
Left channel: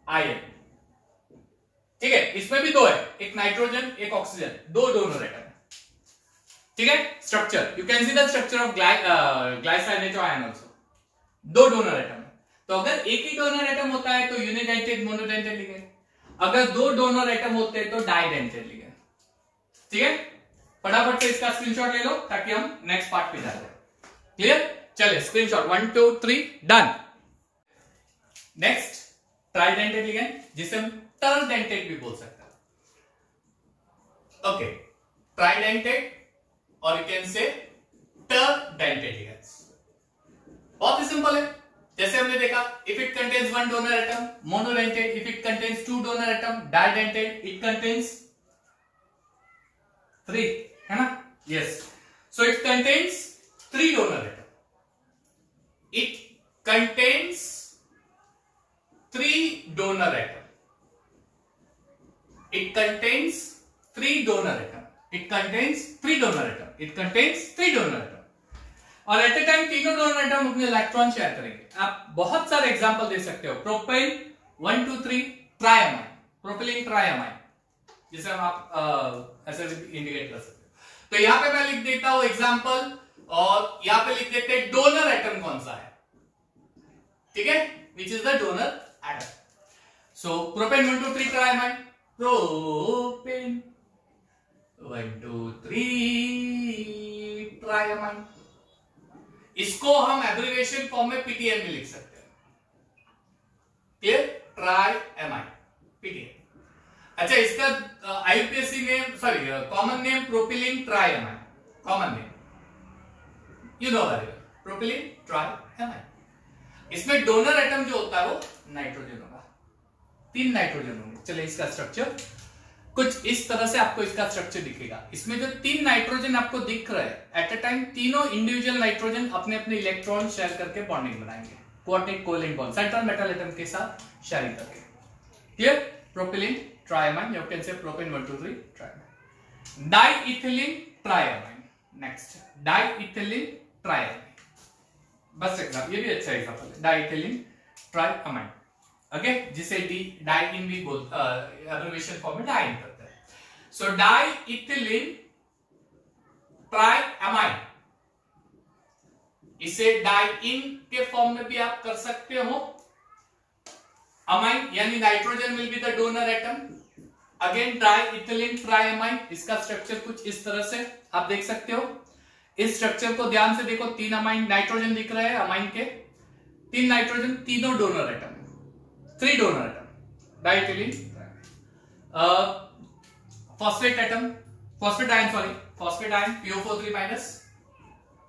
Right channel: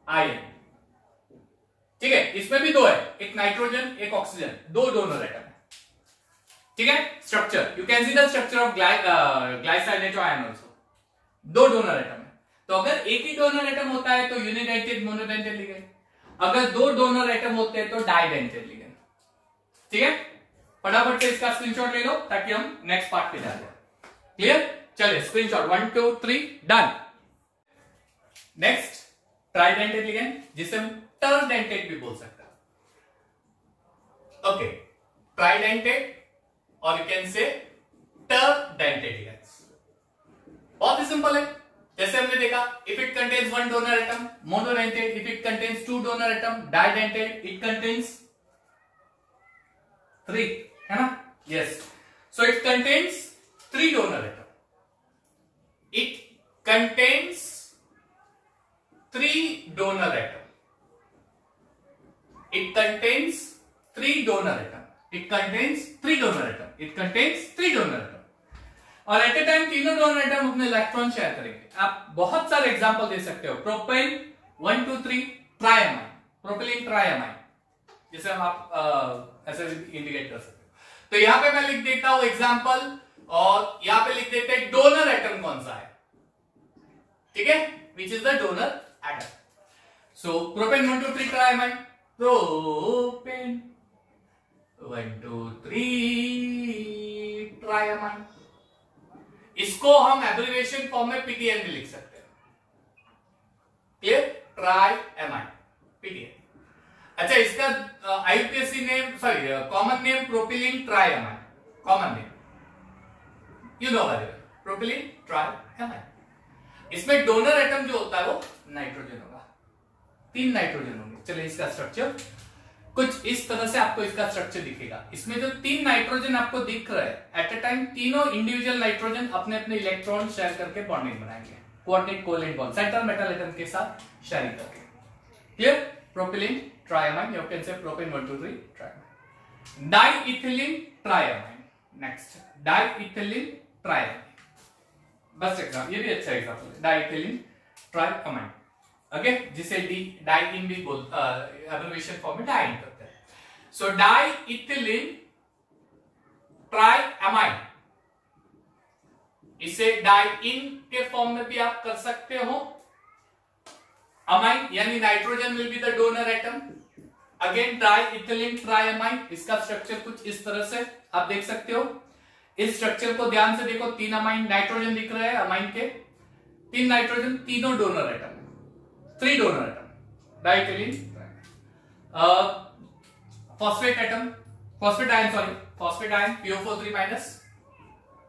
आयन। ठीक है? इसमें भी दो है, एक नाइट्रोजन, एक ऑक्सीजन, दो डोनर एटम है। ठीक है? Structure, you can see the structure of glycinato ion also, दो डोनर एटम है। तो अगर एक ही डोनर एटम होता है तो यूनिडेंटेट मोनोडेंटेट लिगैंड, अगर दो डोनर एटम होते हैं तो डाइडेंटेट लिगैंड। ठीक है? फटाफट से इसका स्क्रीनशॉट ले लो ताकि हम नेक्स्ट पार्ट पे जाते हैं। क्लियर? चलिए screenshot 1 2 3 done. Next tridentate ligand, जिसे हम टरडेंटेट भी बोल सकते हैं। ओके, ट्राइडेंटेट और यू कैन से टरडेंटेट लिगैंड्स। बहुत ही सिंपल है, जैसे हमने देखा, if it contains one donor atom monodentate, if it contains two donor atom डाइडेंटेट, it contains 3, है ना? Yes. So it contains 3 donor atom, it contains 3 donor atom, it contains 3 donor atom, it contains 3 donor atom, it contains 3 donor atom. और eight a time तीनों donor atom अपने electron share करेंगे। आप बहुत सारे example दे सकते हो, प्रोपेन 1 2 3 ट्राइअमाइन, प्रोपिलीन ट्राइअमाइन, जिसे हम आप ऐसे इंडिकेट कर सकते हो। तो यहां पे मैं लिख देता हूं एग्जांपल, और यहां पे लिख देते हैं डोनर एटम कौन सा है। ठीक है? Which is the donor atom. So propane 1 2 3 triamine, propane 1 2 3 triamine. इसको हम एब्रिविएशन फॉर्म में PTN भी लिख सकते हैं। क्लियर? Triamine, PTN। अच्छा, इसका IUPAC name, sorry common name propylene triamine, common name you know very well, propylene triamine. इसमें डोनर एटम जो होता है वो नाइट्रोजन होगा, 3 नाइट्रोजन होंगे। चलिए इसका स्ट्रक्चर, कुछ इस तरह से आपको इसका स्ट्रक्चर दिखेगा। इसमें जो 3 नाइट्रोजन आपको दिख रहा है, एट अ टाइम तीनों इंडिविजुअल नाइट्रोजन अपने अपने इलेक्ट्रॉन शेयर करके बॉन्डिंग बनाएंगे, coordinate covalent bond central metal atom के साथ शेयरिंग करके। Clear? Propylene triamine, you can say propane 1 2 3 triamine. Diethylene triamine, next diethylene triamine, बस एग्जाम्पल, ये भी अच्छा एग्जाम्पल है, डाइइथिलीन ट्राइअमाइन, ओके, जिसे डाइइन भी एब्रिविएशन फॉर्म में डाइइन करते हैं। सो डाइइथिलीन ट्राइअमाइन, इसे डाइइन के फॉर्म में भी आप कर सकते हो। अमाइन यानी nitrogen will be the donor atom, again diethylene triamine, इसका स्ट्रक्चर कुछ इस तरह से आप देख सकते हो। इस स्ट्रक्चर को ध्यान से देखो, 3 अमाइन नाइट्रोजन दिख रहे हैं, अमाइन के 3 नाइट्रोजन, तीनों donor atom, 3 donor atom, diethylene phosphate atom, phosphate ion, sorry phosphate ion PO4 3-,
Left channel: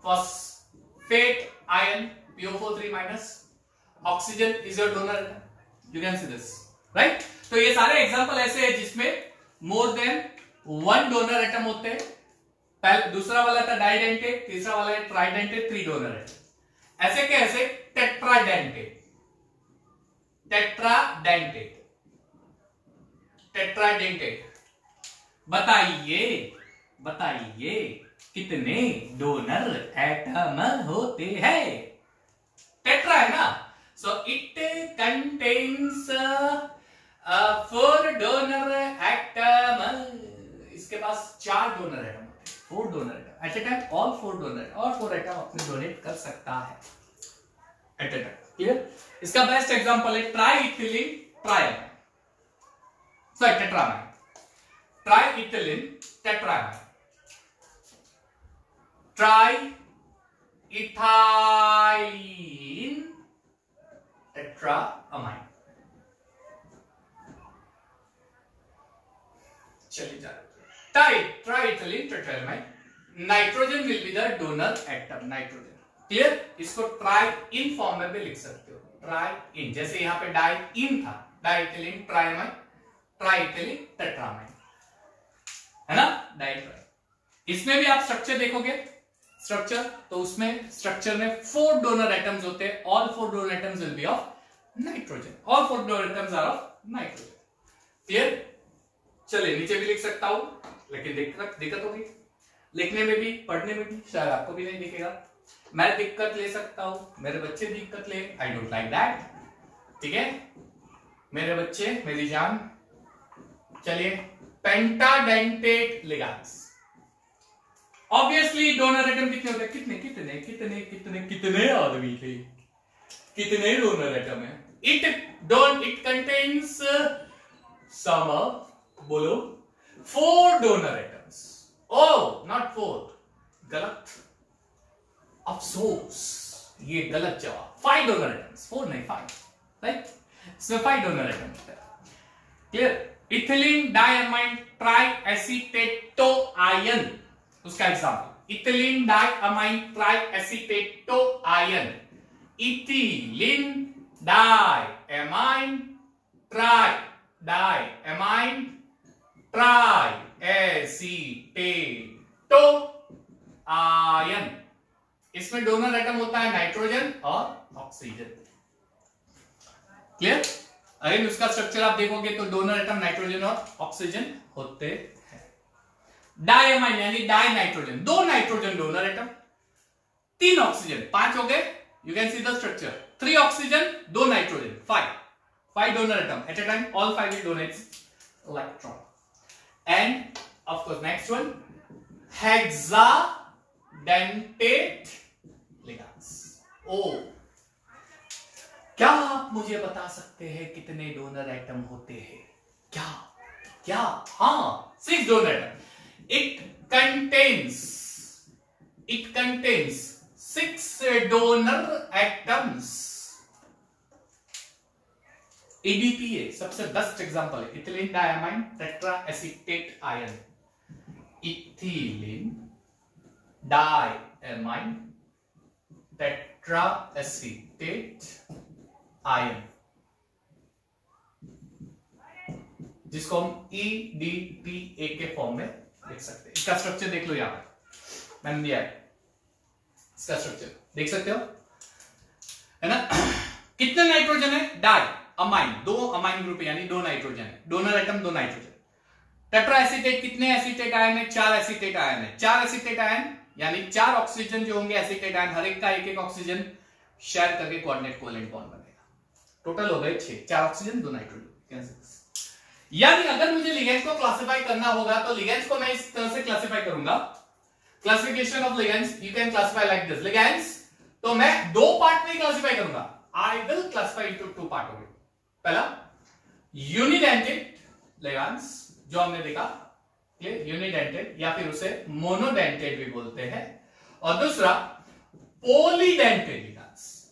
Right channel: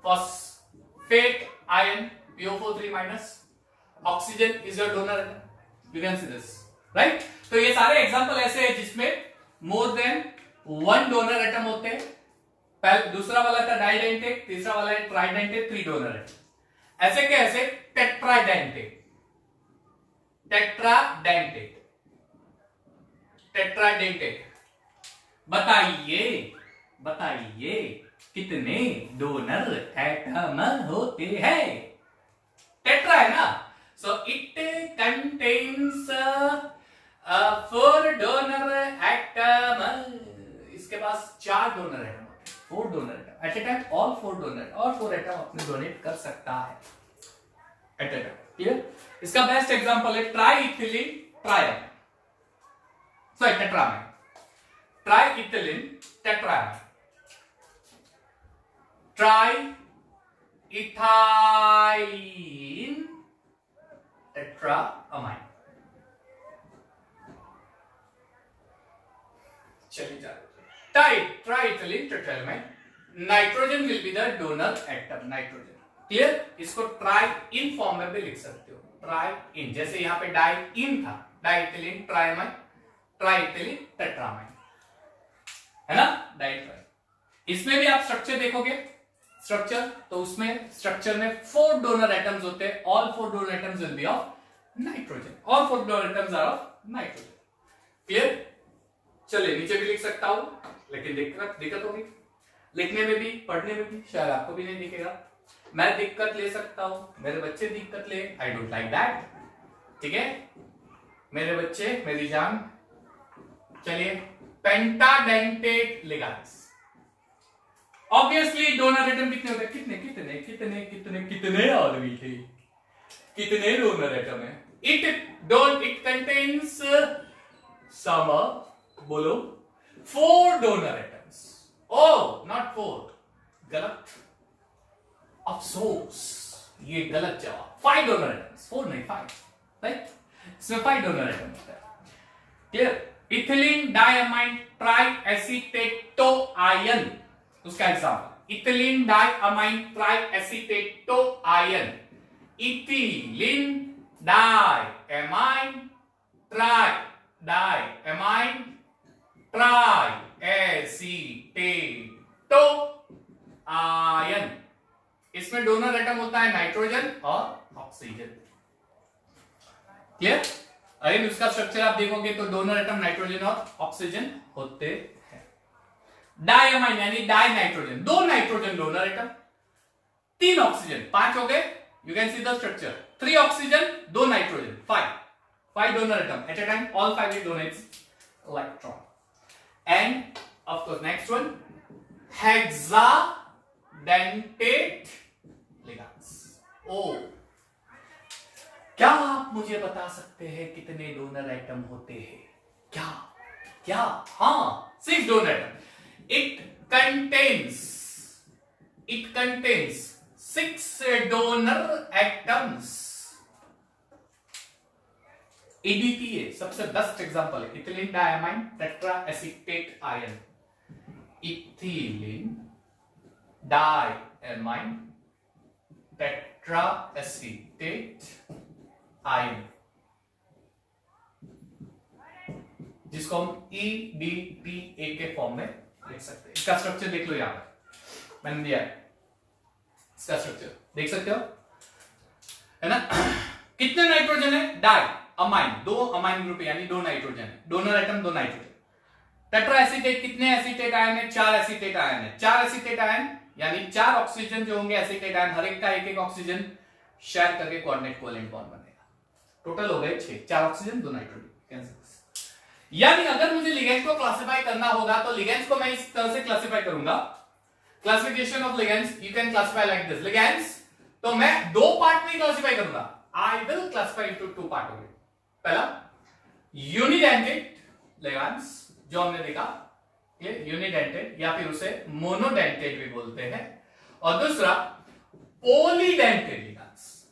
phosphate ion PO4 3-, oxygen is your donor atom, you can see this, right. तो ये सारे एग्जांपल ऐसे हैं जिसमें मोर देन 1 डोनर एटम होते हैं। पहले दूसरा वाला था डाइडेंटेट, तीसरा वाला है ट्राइडेंटेट, 3 डोनर एटम। ऐसे कैसे? Tetradentate, tetradentate, tetradentate. बताइए बताइए कितने डोनर एटम होते हैं? टेट्रा है ना, so it contains 4 donor atom. इसके पास 4 donor atom, 4 donor atom at a time, all 4 donor और 4 एटम अपने डोनेट कर सकता है एट ए टाइम। क्लियर? इसका बेस्ट एग्जांपल है ट्राइइथिलीन ट्राइअमाइन, सॉरी टेट्रामाइन, ट्राइइथिलीन टेट्रामाइन, ट्राइइथाइलीन टेट्रामाइन। चलिए जाए, triethylene tetramine, nitrogen will be the donor atom, nitrogen. Clear? इसको ट्राइइन फॉर्म में भी लिख सकते हो, ट्राइइन, जैसे यहां पे डाइइन था, डाइइथिलीन ट्राइअमाइन, ट्राइइथिलीन टेट्रामाइन, है ना, डाइट्राइ। इसमें भी आप स्ट्रक्चर देखोगे, स्ट्रक्चर, तो उसमें स्ट्रक्चर में 4 डोनर एटम्स होते हैं, all 4 donor atoms will be of nitrogen, all 4 donor atoms are of nitrogen. Clear? चलिए नीचे भी लिख सकता हूं, लेकिन दिक्कत होगी लिखने में भी, पढ़ने में भी, शायद आपको भी नहीं दिखेगा। मैं दिक्कत ले सकता हूं, मेरे बच्चे दिक्कत ले, आई डोंट लाइक दैट, ठीक है मेरे बच्चे, मेरी जान। चलिए, पेंटाडेंटेट लिगैंड्स, ऑब्वियसली डोनर एटम कितने होते हैं? कितने कितने कितने कितने कितने आदमी थे, कितने डोनर एटम है? इट कंटेन्स सम, बोलो 4 डोनर एटम्स। ओ नॉट 4, गलत, अफसोस, ये गलत जवाब। 5 डोनर एटम्स, 4 नहीं 5, राइट? इसमें 5 डोनर एटम होता है। Clear? Ethylene diamine triacetato ion, उसका example, ethylene diamine triacetato ion, ethylene diamine diamine triacetato ion. इसमें डोनर एटम होता है नाइट्रोजन और ऑक्सीजन। क्लियर? अरे उसका स्ट्रक्चर आप देखोगे तो डोनर एटम नाइट्रोजन और ऑक्सीजन होते हैं। डाइअमाइन यानी die nitrogen, 2 nitrogen donor atom, 3 oxygen, 5 हो गए। You can see the structure, 3 oxygen 2 nitrogen, 5 donor atom at a time, all 5 will donate electron. And of course next one, hexadentate ligands. Oh, क्या आप मुझे बता सकते हैं कितने डोनर एटम होते हैं? क्या क्या? हाँ, 6 donor atom. It contains 6 donor atoms. EDTA सबसे बेस्ट एग्जांपल है, ethylene diamine tetraacetate ion, ethylene diamine tetraacetate ion. जिसको हम EDTA के फॉर्म में लिख सकते हैं। इसका स्ट्रक्चर देख लो, यहां पर मैंने दिया है, इसका स्ट्रक्चर देख सकते हो, है ना। कितने नाइट्रोजन है? डाई अमाइन, 2 अमाइन ग्रुप यानी 2 नाइट्रोजन है, donor atom 2 nitrogen. Tetra acetate, कितने एसीटेट आयन है? 4 एसीटेट आयन है। 4 एसीटेट आयन यानी 4 ऑक्सीजन जो होंगे एसीटेट आयन, हर एक का एक एक ऑक्सीजन शेयर करके कोऑर्डिनेट कोवेलेंट बॉन्ड बनेगा। टोटल हो गए 6, 4 ऑक्सीजन 2 नाइट्रोजन। यानी अगर मुझे लिगेंड्स को क्लासिफाई करना होगा तो लिगेंड्स को मैं इस तरह से क्लासिफाई करूंगा। Classification of ligands you can classify like this. Ligands तो मैं 2 पार्ट में क्लासिफाई करूंगा। I will classify into 2 part होंगे। पहला यूनिडेंटेड लिगेंड्स जो हमने देखा, ये यूनिडेंटेड या फिर उसे मोनोडेंटेड भी बोलते हैं, और दूसरा पॉलीडेंटेड लिगेंड्स।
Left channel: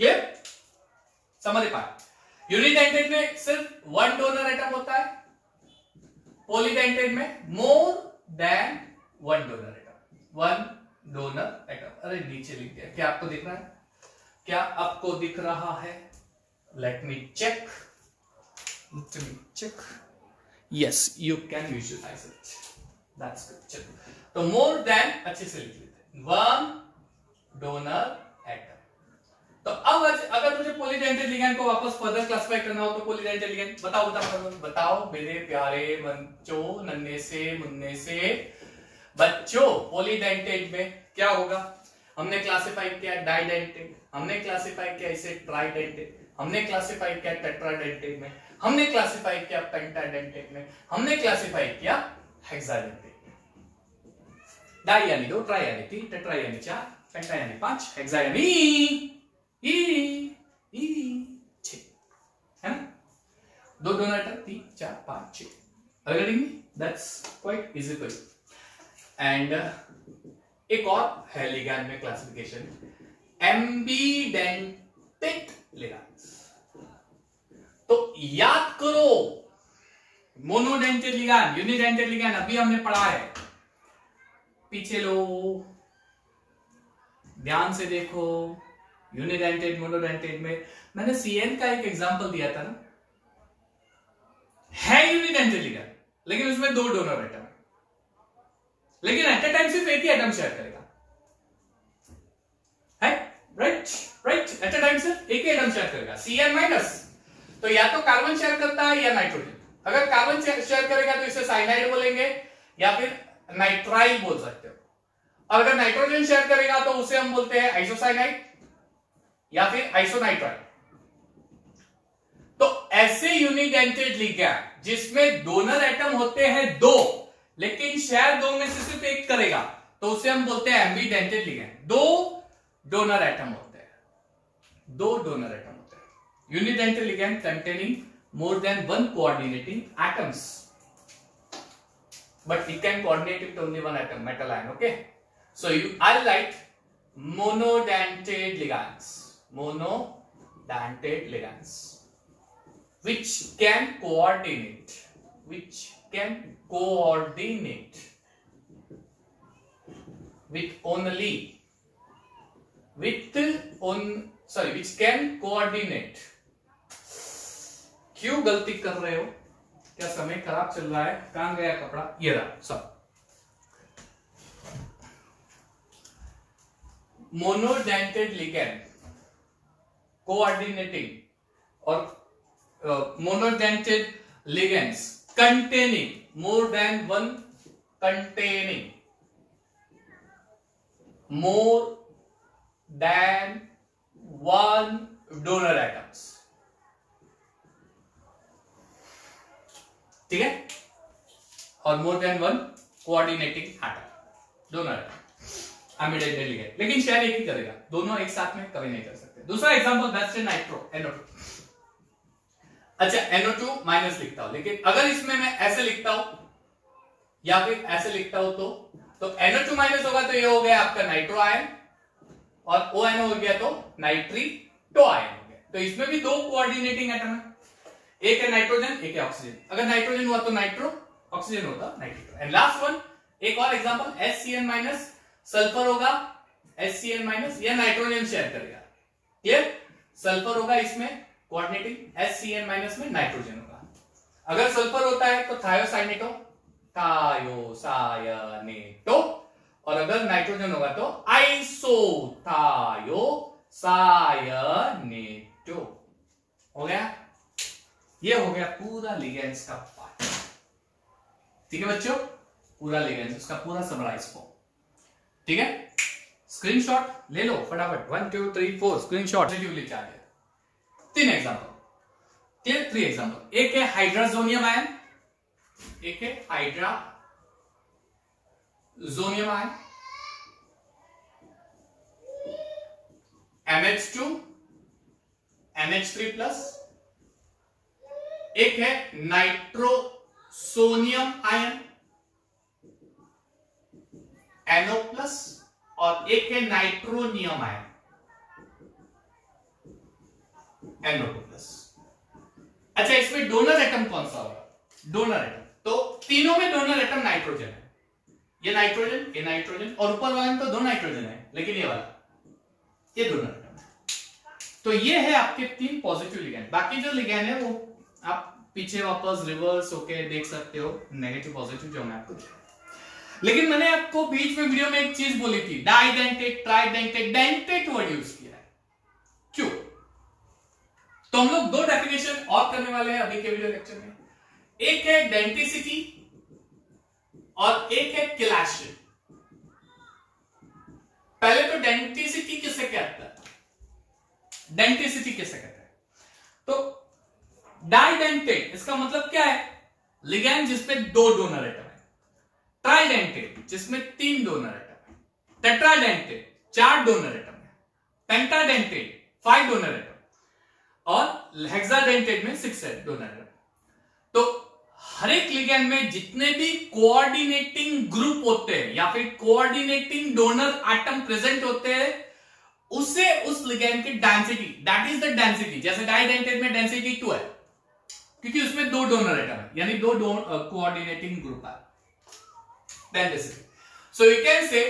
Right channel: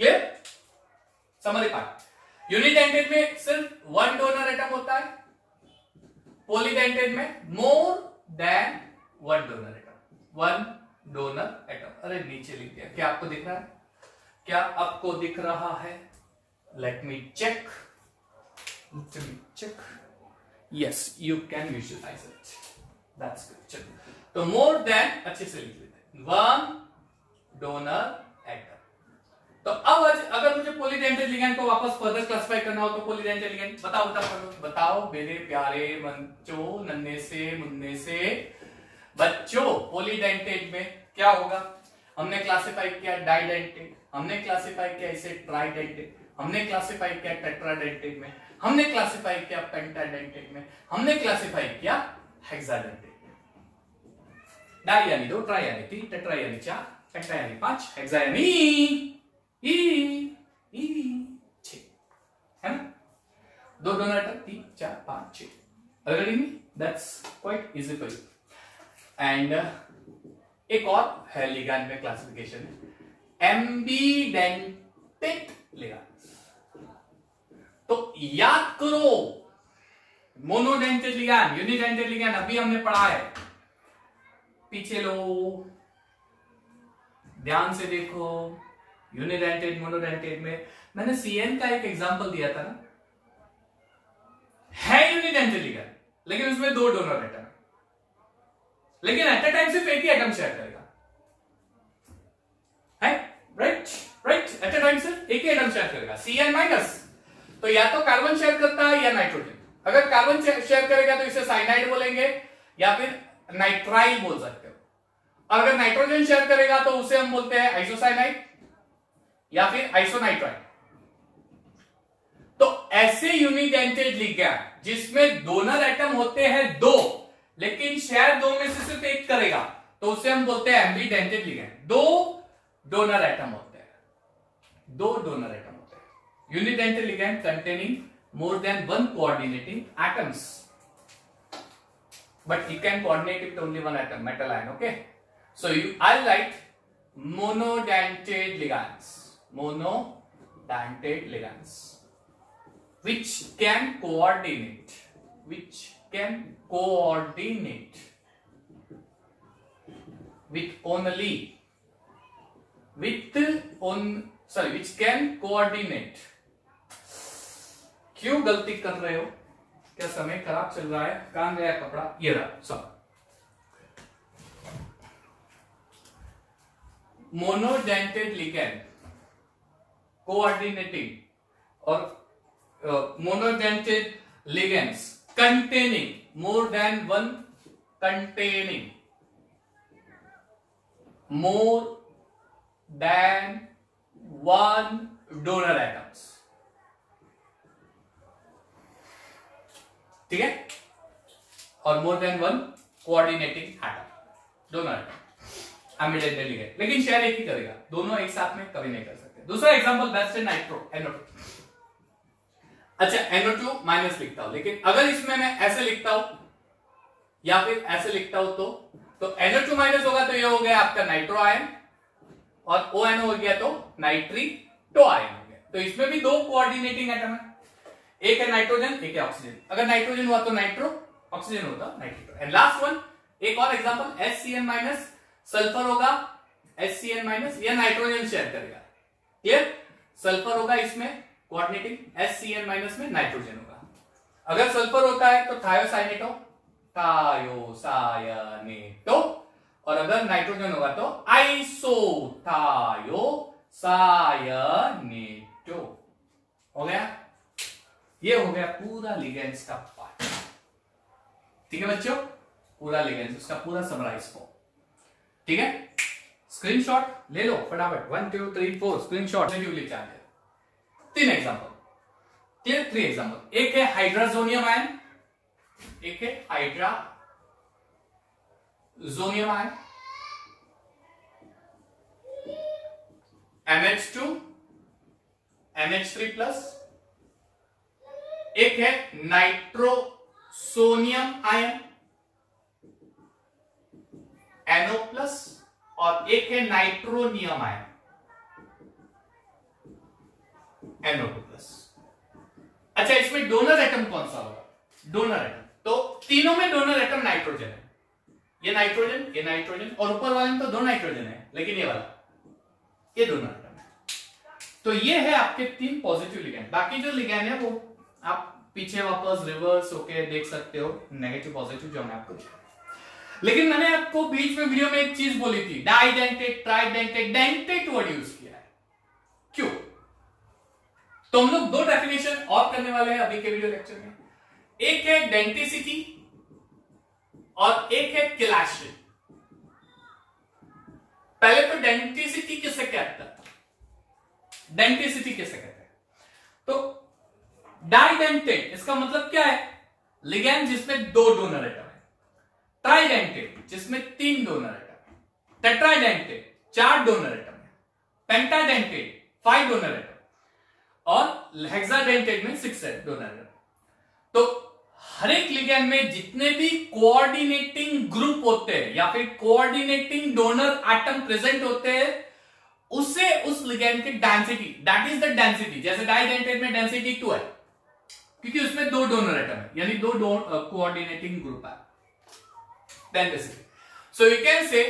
ये समझ पाए? यूनिडेंटेड में सिर्फ 1 डोनर एटम होता है, पॉलीडेंटेड में more than 1 donor atom. 1 donor atom. अरे नीचे लिख दिया, क्या आपको दिख रहा है? क्या आपको दिख रहा है? Let me check. Yes, you can visualise it, that's good. तो मोर देन अच्छे से लिख लेते हैं, 1 डोनर एटम। तो अब अगर मुझे पॉलीडेंटेड लिगेंड को वापस फर्दर क्लासिफाई करना हो तो पॉलीडेंटेड लिगेंड बताओ मेरे प्यारे बच्चों, नन्हे से मुन्ने से बच्चों, पॉलीडेंटेड में क्या होगा? हमने क्लासिफाई किया डाइडेंटेड, हमने क्लासिफाई किया इसे ट्राइडेंटेड, हमने क्लासिफाई किया टेट्राडेंटेड में, हमने क्लासिफाई किया पेंटाडेंटेड में, हमने क्लासिफाई किया हेक्साडेंटेड में। डाई यानी 2, ट्राई यानी 3, टेट्रा यानी 4, पेंटा यानी 5, हेक्सा यानी 6, है ना। 2 डोनर एटम, 3, 4, 5, 6। अगर that's quite easy for you. And एक और है लिगैंड में क्लासिफिकेशन, एम्बीडेंटेड लिगैंड्स। तो याद करो, मोनोडेंटेड लिगैंड, यूनिडेंटेड लिगैंड अभी हमने पढ़ा है, पीछे लो, ध्यान से देखो। यूनिडेंटेड मोनोडेंटेड में मैंने CN का एक एग्जांपल दिया था ना, है यूनिडेंटेड लिगैंड लेकिन उसमें 2 डोनर एटम है, लेकिन एट अ टाइम सिर्फ एक ही एटम शेयर करेगा, है राइट। एट अ टाइम सिर्फ एक ही एटम शेयर करेगा, CN माइनस। तो या तो कार्बन शेयर करता है या नाइट्रोजन। अगर कार्बन शेयर करेगा तो इसे साइनाइड बोलेंगे या फिर नाइट्राइल बोल सकते हो, और अगर नाइट्रोजन शेयर करेगा तो उसे हम बोलते हैं आइसोसाइनाइड या फिर आइसोनाइट्राइल। तो ऐसे यूनिडेंटेड लिगैंड जिसमें डोनर एटम होते हैं 2, लेकिन शेयर 2 में से सिर्फ एक करेगा, तो उसे हम बोलते हैं एम्बीडेंटेड लिगैंड। 2 डोनर एटम होते हैं, 2 डोनर एटम होते हैं। Unidentate ligand containing more than 1 coordinating atoms, but you can coordinate with only 1 atom, metal ion. Okay, so I'll write monodentate ligands, which can coordinate with which can coordinate। क्यों गलती कर रहे हो? क्या समय खराब चल रहा है? कहां गया कपड़ा? ये रहा। सब मोनोडेंटेड लिगैंड कोऑर्डिनेटिंग और monodentate ligands containing more than 1 donor atoms. ठीक है, और more then 1 coordinating atom, donor atom एम्बीडेंटेड ligand, लेकिन शेयर एक ही करेगा, दोनों एक साथ में कभी नहीं कर सकते। दूसरा एग्जांपल बेस्ट है नाइट्रो, NO2। अच्छा, NO2 माइनस लिखता हूं, लेकिन अगर इसमें मैं ऐसे लिखता हूं या फिर ऐसे लिखता हूं तो NO2 माइनस होगा तो ये हो गया आपका नाइट्रो आयन, और ONO हो गया तो नाइट्रीटो आयन हो गया। तो इसमें भी 2 कोऑर्डिनेटिंग एटम है, एक है नाइट्रोजन, एक है ऑक्सीजन। अगर नाइट्रोजन हुआ तो नाइट्रो, ऑक्सीजन होता नाइट्रीटो। एंड लास्ट वन, एक और एग्जांपल, HCN माइनस, सल्फर होगा HCN माइनस, या नाइट्रोजन शेयर करेगा। क्लियर? सल्फर होगा इसमें कोऑर्डिनेटिंग, HCN माइनस में नाइट्रोजन होगा। अगर सल्फर होता है तो थायोसाइनेटो, थायोसायनेटो, और अगर नाइट्रोजन होगा तो आइसोथायोसायनेटो। हो गया, ये हो गया पूरा लिगेंड्स का पार्ट। ठीक है बच्चों, पूरा लिगेंड्स, उसका पूरा समराइज फॉर्म। ठीक है, स्क्रीनशॉट ले लो फटाफट, 1 2 3 4 स्क्रीनशॉट पॉजिटिवली चार्ज है। 3 एग्जांपल, क्लियर, 3 एग्जांपल। एक है हाइड्राजोनियम आयन, एक है हाइड्राजोनियम आयन, NH2 NH3 प्लस, एक है नाइट्रोसोनियम आयन NO प्लस, और एक है नाइट्रोनियम आयन NO2 प्लस। अच्छा, इसमें डोनर एटम कौन सा होगा? डोनर एटम, तो तीनों में डोनर एटम नाइट्रोजन है। ये नाइट्रोजन, ये नाइट्रोजन, और ऊपर वाले में तो 2 नाइट्रोजन है, लेकिन ये वाला ये डोनर एटम है। तो ये है आपके 3 पॉजिटिव लिगेंड। बाकी जो लिगेंड है वो आप पीछे वापस रिवर्स होके देख सकते हो, नेगेटिव पॉजिटिव जो मैं आपको दिया। लेकिन मैंने आपको बीच में वीडियो में एक चीज बोली थी, डाइडेंटेट, ट्राइडेंटेट, डेंटेट वर्ड यूज किया है, क्यों? तो हम लोग 2 डेफिनेशन और करने वाले हैं अभी के वीडियो लेक्चर में। एक है डेंटिसिटी और एक है किलाशी। पहले तो डेंटिसिटी किसे कहता है? डेंटिसिटी किसे कहते हैं? तो डाइडेंटेट इसका मतलब क्या है? लिगेंड जिसमें 2 डोनर एटम है। ट्राइडेंटेट जिसमें 3 डोनर एटम है। टेट्राडेंटेट 4 डोनर एटम है। पेंटाडेंटेट 5 डोनर एटम, और हेक्साडेंटेट में 6 डोनर एटम। तो हर एक लिगेंड में जितने भी कोऑर्डिनेटिंग ग्रुप होते हैं या फिर कोऑर्डिनेटिंग डोनर एटम प्रेजेंट होते हैं, उससे उस लिगेंड की density, that is the density. जैसे डाइडेंटेट में डेंसिटी 2 है क्योंकि उसमें 2 डोनर एटम है, यानी 2 कोऑर्डिनेटिंग ग्रुप है, डेंसिटी। सो यू कैन से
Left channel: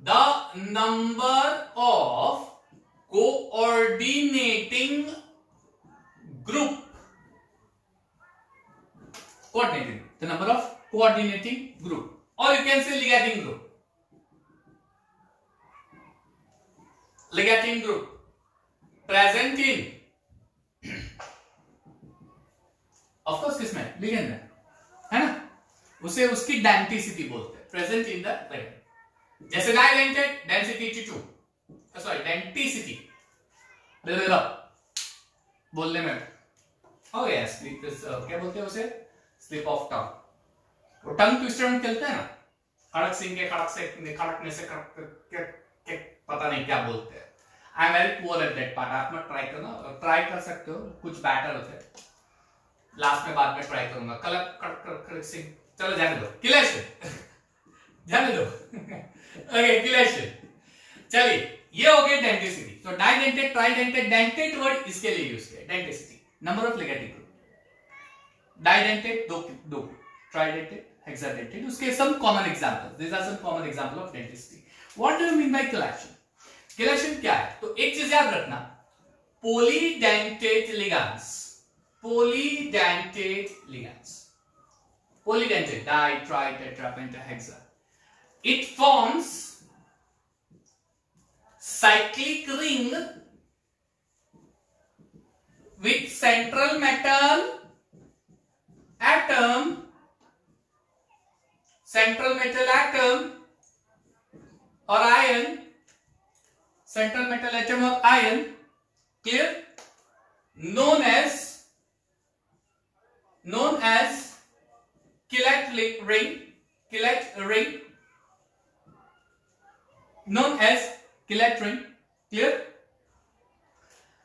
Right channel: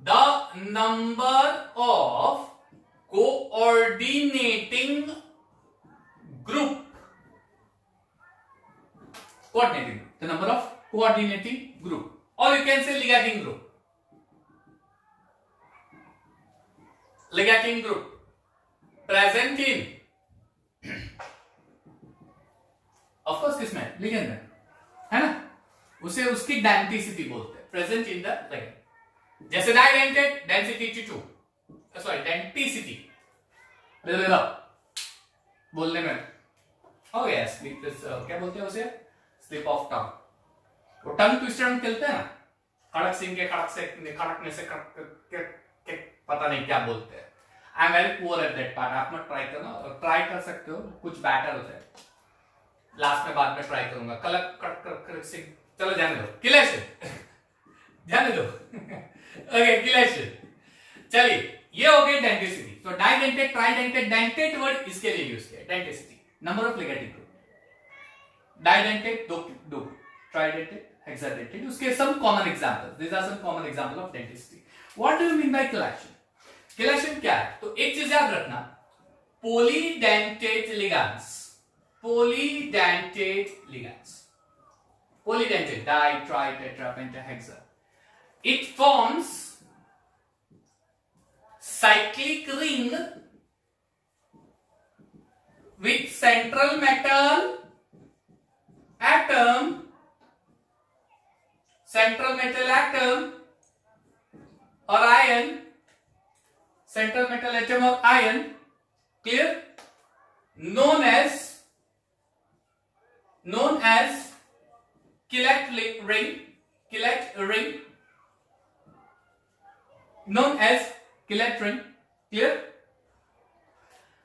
the number of coordinating group, coordinating, the number of coordinating group, or you can say ligating group. Ligating group present in, of course किसमें? ligand में, है ना? उसे उसकी डेंटिसिटी बोलते हैं, प्रेजेंट इन द ligand। जैसे डाइडेंटेट डेंसिटी 2, सॉरी डेंटिसिटी बोलने में हो गया, क्या बोलते हैं उसे? Slip of tongue. वो टंग ट्विस्टर में खेलते हैं ना, खड़क सिंह के खड़कने से पता नहीं क्या बोलते हैं। I am very poor at that part, आप मत ट्राई करना, ट्राई कर सकते हो, कुछ बैटर होते हैं, लास्ट में बाद में ट्राई करूंगा। खड़क सिंह, चलो जाने दो, किलेशन जाने दो ओके किलेशन। चलिए, ये हो गया डेंटिसिटी। तो डाइडेंटेट, ट्राइडेंटेट, डेंटेट वर्ड इसके लिए यूज किया, denticity. Number of ligating group, didentate 2, tridentate, hexadentate. उसके some common examples, these are some common example of dentistry. What do you mean by chelation? Chelation क्या है? तो एक चीज याद रखना, polydentate ligands, polydentate ligands, polydentate, di, tri, tetra, penta, hexa. It forms cyclic ring with central metal atom, central metal atom or ion, central metal atom or ion, clear, known as Killet ring, known as Killet ring, clear।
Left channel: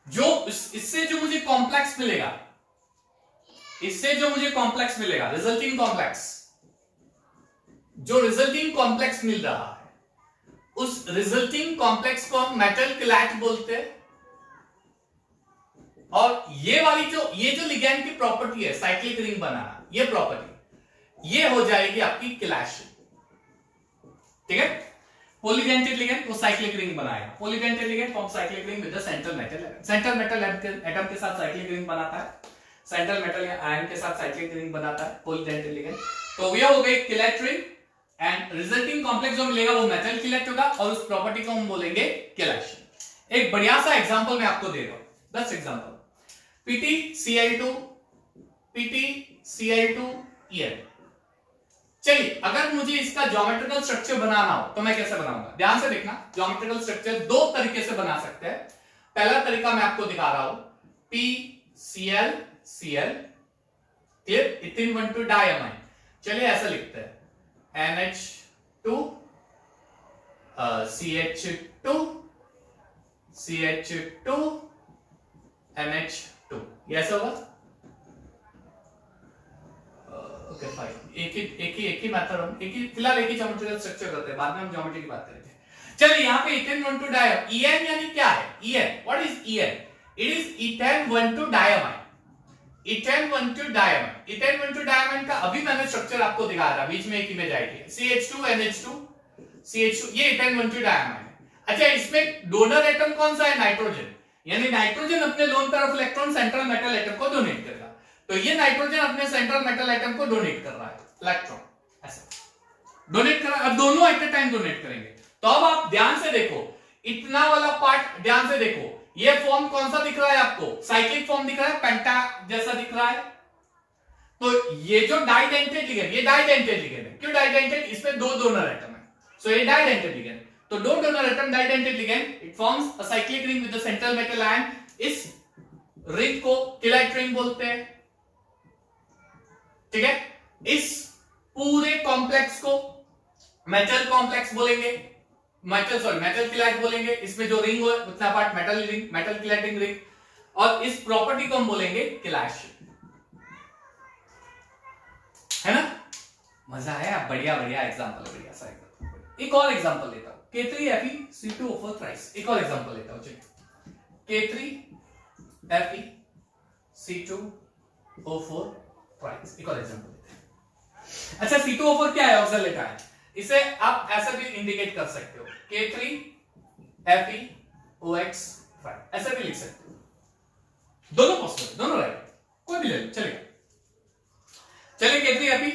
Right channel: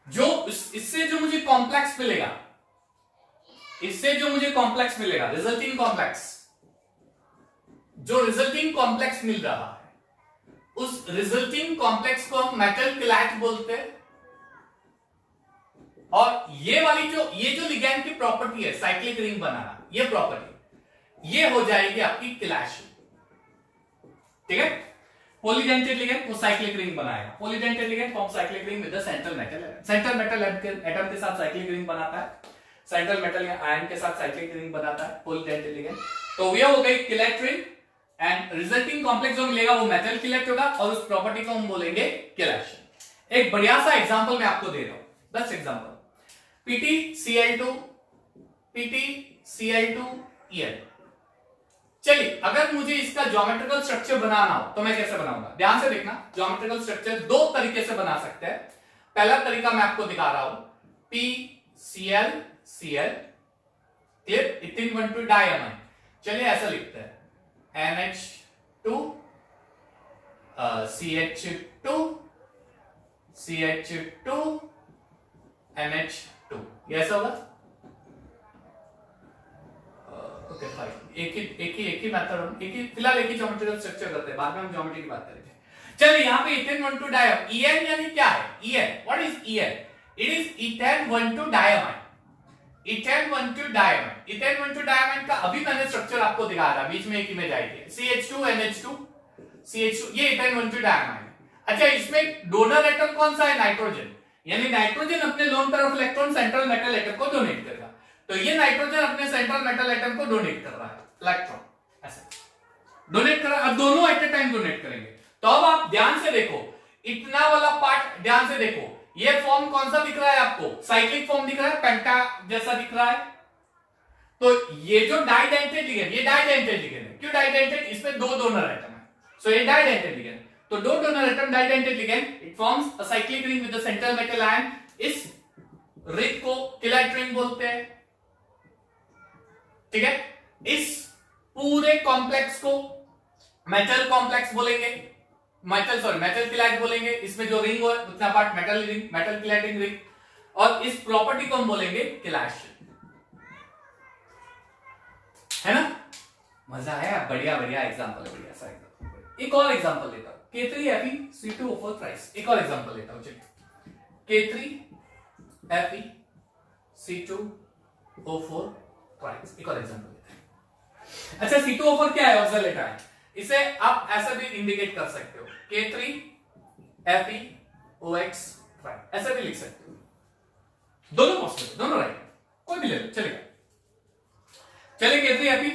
जो इससे जो मुझे complex मिलेगा, resulting complex, जो resulting complex मिल रहा है, उस resulting complex को हम मेटल किलैट बोलते हैं। और ये वाली ये जो लिगैंड की प्रॉपर्टी है, साइक्लिक रिंग बनाना, ये प्रॉपर्टी ये हो जाएगी आपकी किलैशन। ठीक है, पॉलीडेंटेड लिगेंड वो साइक्लिक रिंग बनाएगा, polydentate ligand form cyclic ring with the central metal atom, central metal atom के साथ साइक्लिक रिंग बनाता है, सेंट्रल मेटल आयन के साथ साइक्लिक रिंग बनाता है पॉलीडेंटेड लिगेंड। तो ये हो गई chelate ring and resulting complex जो मिलेगा वो मेटल किलेट होगा और उस प्रॉपर्टी को हम बोलेंगे किलेशन। एक बढ़िया सा एग्जांपल मैं आपको दे रहा हूं, बेस्ट एग्जांपल, PtCl2EN। चलिए अगर मुझे इसका ज्योमेट्रिकल स्ट्रक्चर बनाना हो तो मैं कैसे बनाऊंगा, ध्यान से देखना। ज्योमेट्रिकल स्ट्रक्चर दो तरीके से बना सकते हैं। पहला तरीका मैं आपको दिखा रहा हूं, PClCl, क्लियर, इथिन 1,2 डायमाइन। चलिए ऐसा लिखते हैं, NH2 CH2 CH2 NH2, ये ऐसा होगा। ओके फाइन, एक ही मेथड, फिलहाल एक ही ज्योमेट्रिकल स्ट्रक्चर करते हैं, बाद में हम ज्योमेट्री की बात करेंगे। चलिए यहाँ पे इथेन 1,2 डायमाइन, EN यानी क्या है, EN, what is EN? It is ethane 1,2 diamine, ethane 1,2 diamine. Ethane 1,2 diamine का अभी मैंने स्ट्रक्चर आपको दिखाया था, बीच में एक इमेज आएगी, CH2 NH2 CH2, ये इथेन 1,2 डायमाइन है। अच्छा, इसमें डोनर एटम कौन सा है, नाइट्रोजन, यानी नाइट्रोजन अपने लोन तरफ इलेक्ट्रॉन सेंट्रल मेटल एटम को डोनेट करेगा, तो ये नाइट्रोजन अपने सेंट्रल मेटल एटम को डोनेट कर रहा है, इलेक्ट्रॉन ऐसा डोनेट कर रहा है, और दोनों एट ए टाइम डोनेट करेंगे। तो अब आप ध्यान से देखो, इतना वाला पार्ट ध्यान से देखो, ये फॉर्म कौन सा दिख रहा है आपको, साइक्लिक फॉर्म दिख रहा है, पेंटा जैसा दिख रहा है। तो ये जो डाइडेंटेड लिगेंड, ये डाइडेंटेड लिगेंड है, क्यों डाइडेंटेड, इसमें दो डोनर एटम है, सो ये डाइडेंटेड लिगेंड। तो दो donor atom डाइडेंटेड ligand, it forms a cyclic ring with the central metal ion. इस रिंग को किलेट रिंग बोलते हैं, ठीक है। इस पूरे कॉम्प्लेक्स को मेटल कॉम्प्लेक्स बोलेंगे, मेटल किलेट बोलेंगे। इसमें जो रिंग हो उतना part metal ring, metal chelating ring, और इस प्रॉपर्टी को हम बोलेंगे किलेशन, है ना। मजा आया, बढ़िया बढ़िया एग्जांपल है, बढ़िया सा एग्जांपल। एक और एग्जांपल लेता हूं, K3Fe(C2O4) थ्राइस। एक और एग्जांपल लेता हूं, चलिए, K3Fe(C2O4) थ्राइस। एक और एग्जांपल लेते हैं। अच्छा, C2O4 क्या है, ऑक्सलेट आयन, इसे आप ऐसा भी इंडिकेट कर सकते हो, K3FeOX, ऐसा भी लिख सकते हो, दोनों पॉसिबल है, दोनों राइट, कोई भी ले लो, चलेगा। चलिए K3Fe,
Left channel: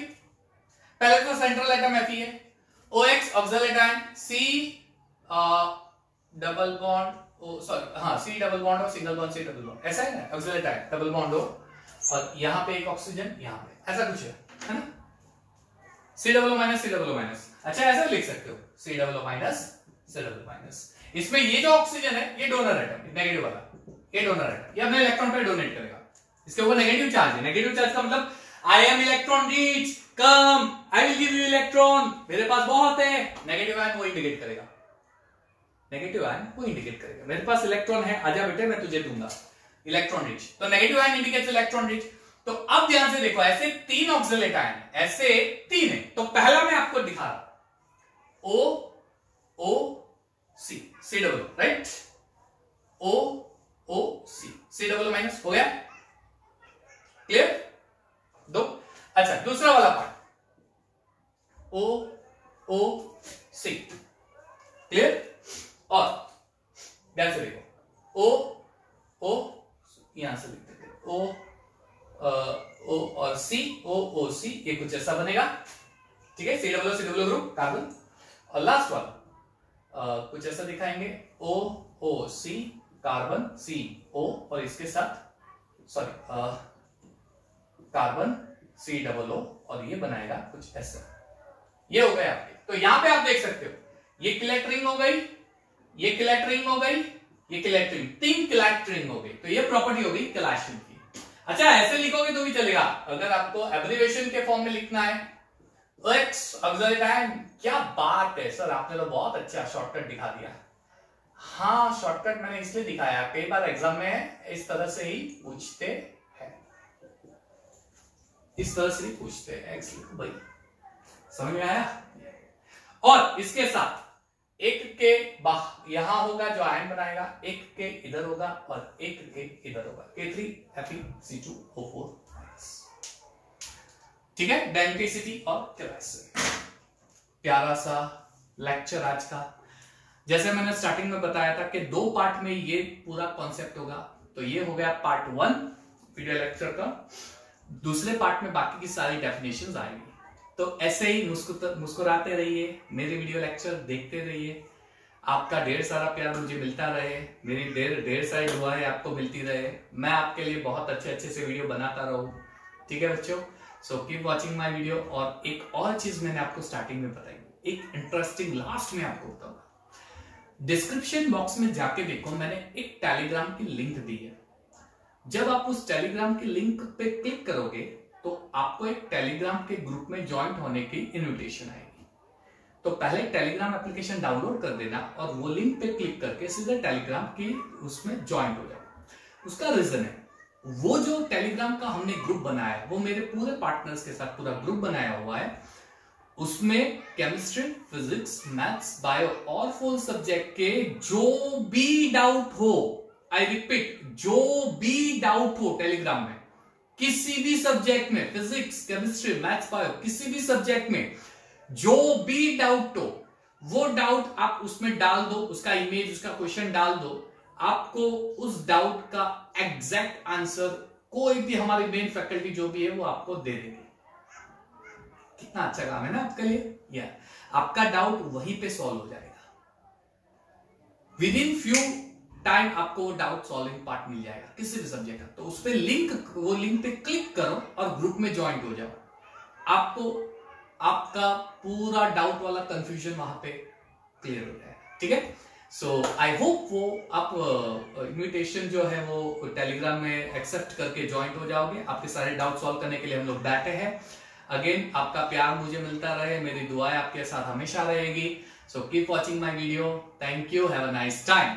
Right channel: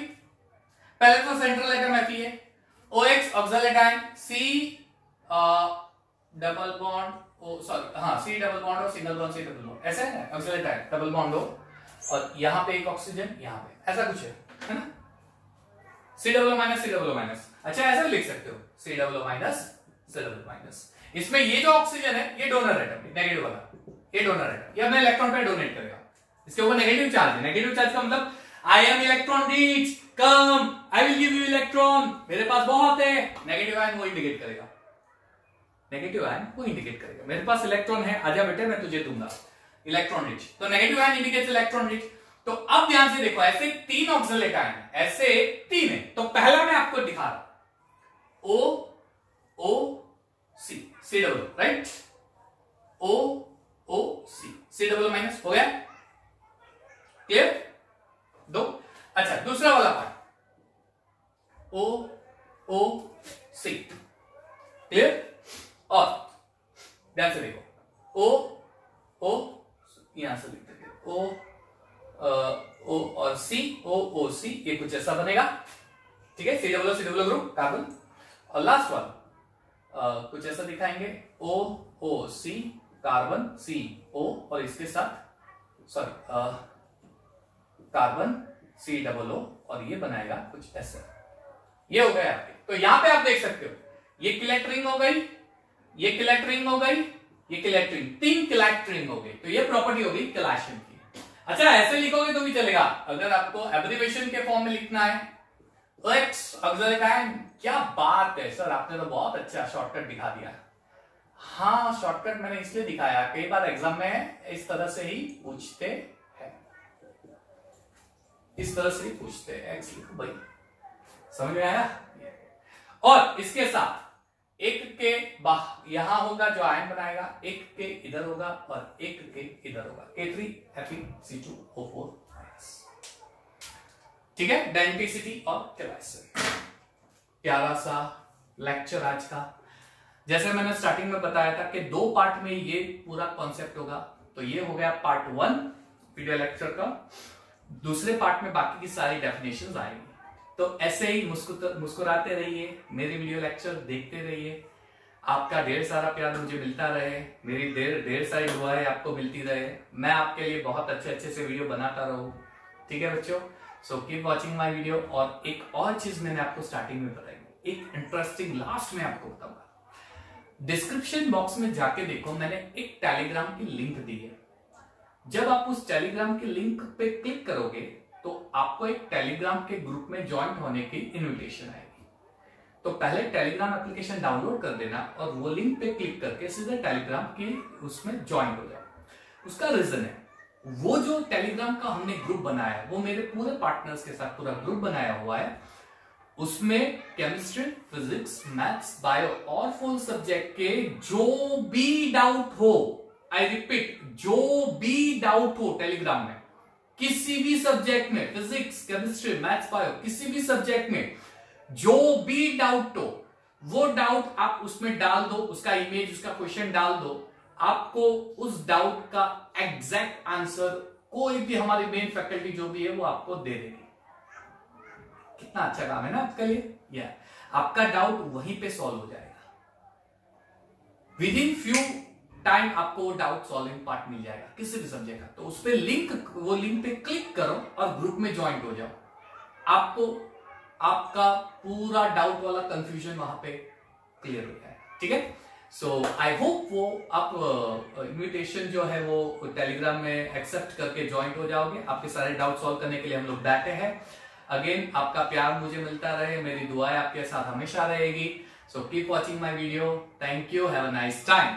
पहले तो सेंट्रल एटम Fe है, OX oxalate ion, C double bond O, sorry हाँ, C डबल बॉन्ड और single bond, C double bond, ऐसा है ना, ऑक्सलेट आयन डबल बॉन्ड हो, और यहां पे एक ऑक्सीजन, यहां पे ऐसा कुछ है ना, C double minus C double minus. अच्छा, ऐसा भी लिख सकते हो, C double minus C double minus. इसमें ये जो ऑक्सीजन है, ये डोनर एटम, नेगेटिव वाला, ये डोनर एटम, ये अपने इलेक्ट्रॉन पे डोनेट करेगा, इसके ऊपर नेगेटिव चार्ज है। नेगेटिव चार्ज का मतलब I am electron rich, come, I will give you electron, मेरे पास बहुत है। नेगेटिव आयन वो इंडिकेट करेगा, नेगेटिव आयन वो इंडिकेट करेगा, मेरे पास इलेक्ट्रॉन है, आजा बेटे मैं तुझे दूंगा, इलेक्ट्रॉन रिच। तो negative ion indicates electron rich. तो अब ध्यान से देखो, ऐसे 3 ऑक्सलेट आयन, ऐसे 3 है। तो पहला मैं आपको दिखा रहा हूं, OOC, C double, right, OOC, C double minus, हो गया, क्लियर, दो। अच्छा, दूसरा वाला पार्ट, OOC, क्लियर, और ध्यान से देखो, O यहां से लिख देते, O और C, OOC, ये कुछ ऐसा बनेगा, ठीक है, C डबल ग्रुप कार्बन। और लास्ट वाला कुछ ऐसा दिखाएंगे, OOC कार्बन, CO, और इसके साथ sorry carbon C double O, और ये बनाएगा कुछ ऐसा, ये हो गया आपके। तो यहां पे आप देख सकते हो, ये किलेट रिंग हो गई, ये किलेट रिंग हो गई, ये किलेट रिंग, 3 किलेट रिंग हो गई। तो ये प्रॉपर्टी हो गई किलेशन की। अच्छा, ऐसे लिखोगे तो भी चलेगा, अगर आपको एब्रिविएशन के फॉर्म में लिखना है, OX ऑक्सलेट आयन, क्या बात है सर, आपने तो बहुत अच्छा शॉर्टकट दिखा दिया। हाँ, शॉर्टकट मैंने इसलिए दिखाया, कई बार एग्जाम में इस तरह से ही पूछते हैं, इस तरह से ही पूछते हैं, भाई समझ में आया। और इसके साथ एक के यहां होगा जो आयन बनाएगा, एक के इधर होगा और एक के इधर होगा, K3Fe(C2O4), ठीक है, आइडेंटिसिटी और कैलाइसिस, प्यारा सा लेक्चर आज का। जैसे मैंने स्टार्टिंग में बताया था कि 2 पार्ट में ये पूरा कॉन्सेप्ट होगा। तो ये हो गया पार्ट 1 वीडियो लेक्चर का। दूसरे पार्ट में बाकी की सारी डेफिनेशंस आएंगी। तो ऐसे ही मुस्कुराते रहिए, मेरे वीडियो लेक्चर देखते रहिए। आपका ढेर सारा प्यार मुझे मिलता रहे, मेरी ढेर सारी दुआएं आपको मिलती रहे, मैं आपके लिए बहुत अच्छे से वीडियो बनाता रहूं। ठीक है बच्चों, so keep watching my video. और एक और चीज मैंने आपको स्टार्टिंग में बताई, एक इंटरेस्टिंग लास्ट में आपको बताऊंगा। डिस्क्रिप्शन बॉक्स में जाके देखो, मैंने एक टेलीग्राम की लिंक दी है। जब आप उस टेलीग्राम की लिंक पे क्लिक करोगे तो आपको एक टेलीग्राम के ग्रुप में ज्वाइंट होने की इनविटेशन आएगी। तो पहले टेलीग्राम एप्लीकेशन डाउनलोड कर देना और वो लिंक पे क्लिक करके सीधा टेलीग्राम की उसमें ज्वाइंट हो जाओ। उसका रीजन है, वो जो टेलीग्राम का हमने ग्रुप बनाया है वो मेरे पूरे पार्टनर्स के साथ पूरा ग्रुप बनाया हुआ है। उसमें केमिस्ट्री, फिजिक्स, मैथ्स, बायो और 4 सब्जेक्ट के जो भी डाउट हो, आई रिपीट, जो भी डाउट हो टेलीग्राम में, किसी भी सब्जेक्ट में, फिजिक्स, केमिस्ट्री, मैथ्स, बायो, किसी भी सब्जेक्ट में जो भी डाउट हो, वो डाउट आप उसमें डाल दो, उसका इमेज, उसका क्वेश्चन डाल दो। आपको उस डाउट का एग्जैक्ट आंसर कोई भी हमारी मेन फैकल्टी जो भी है वो आपको दे देगी। कितना अच्छा काम है ना आपके लिए। या आपका डाउट वहीं पे सॉल्व हो जाएगा। विद इन फ्यू टाइम आपको वो डाउट सॉल्विंग पार्ट मिल जाएगा किसी भी सब्जेक्ट का। तो उस पे वो लिंक पे क्लिक करो और ग्रुप में ज्वाइन हो जाओ। आपको आपका पूरा डाउट वाला कंफ्यूजन वहां पे क्लियर हो जाए। ठीक है, सो आई होप वो आप इन्विटेशन जो है वो टेलीग्राम में एक्सेप्ट करके ज्वाइन हो जाओगे। आपके सारे डाउट सॉल्व करने के लिए हम लोग बैठे हैं। अगेन आपका प्यार मुझे मिलता रहे, मेरी दुआएं आपके साथ हमेशा रहेगी। So keep watching my video. Thank you, have a nice time.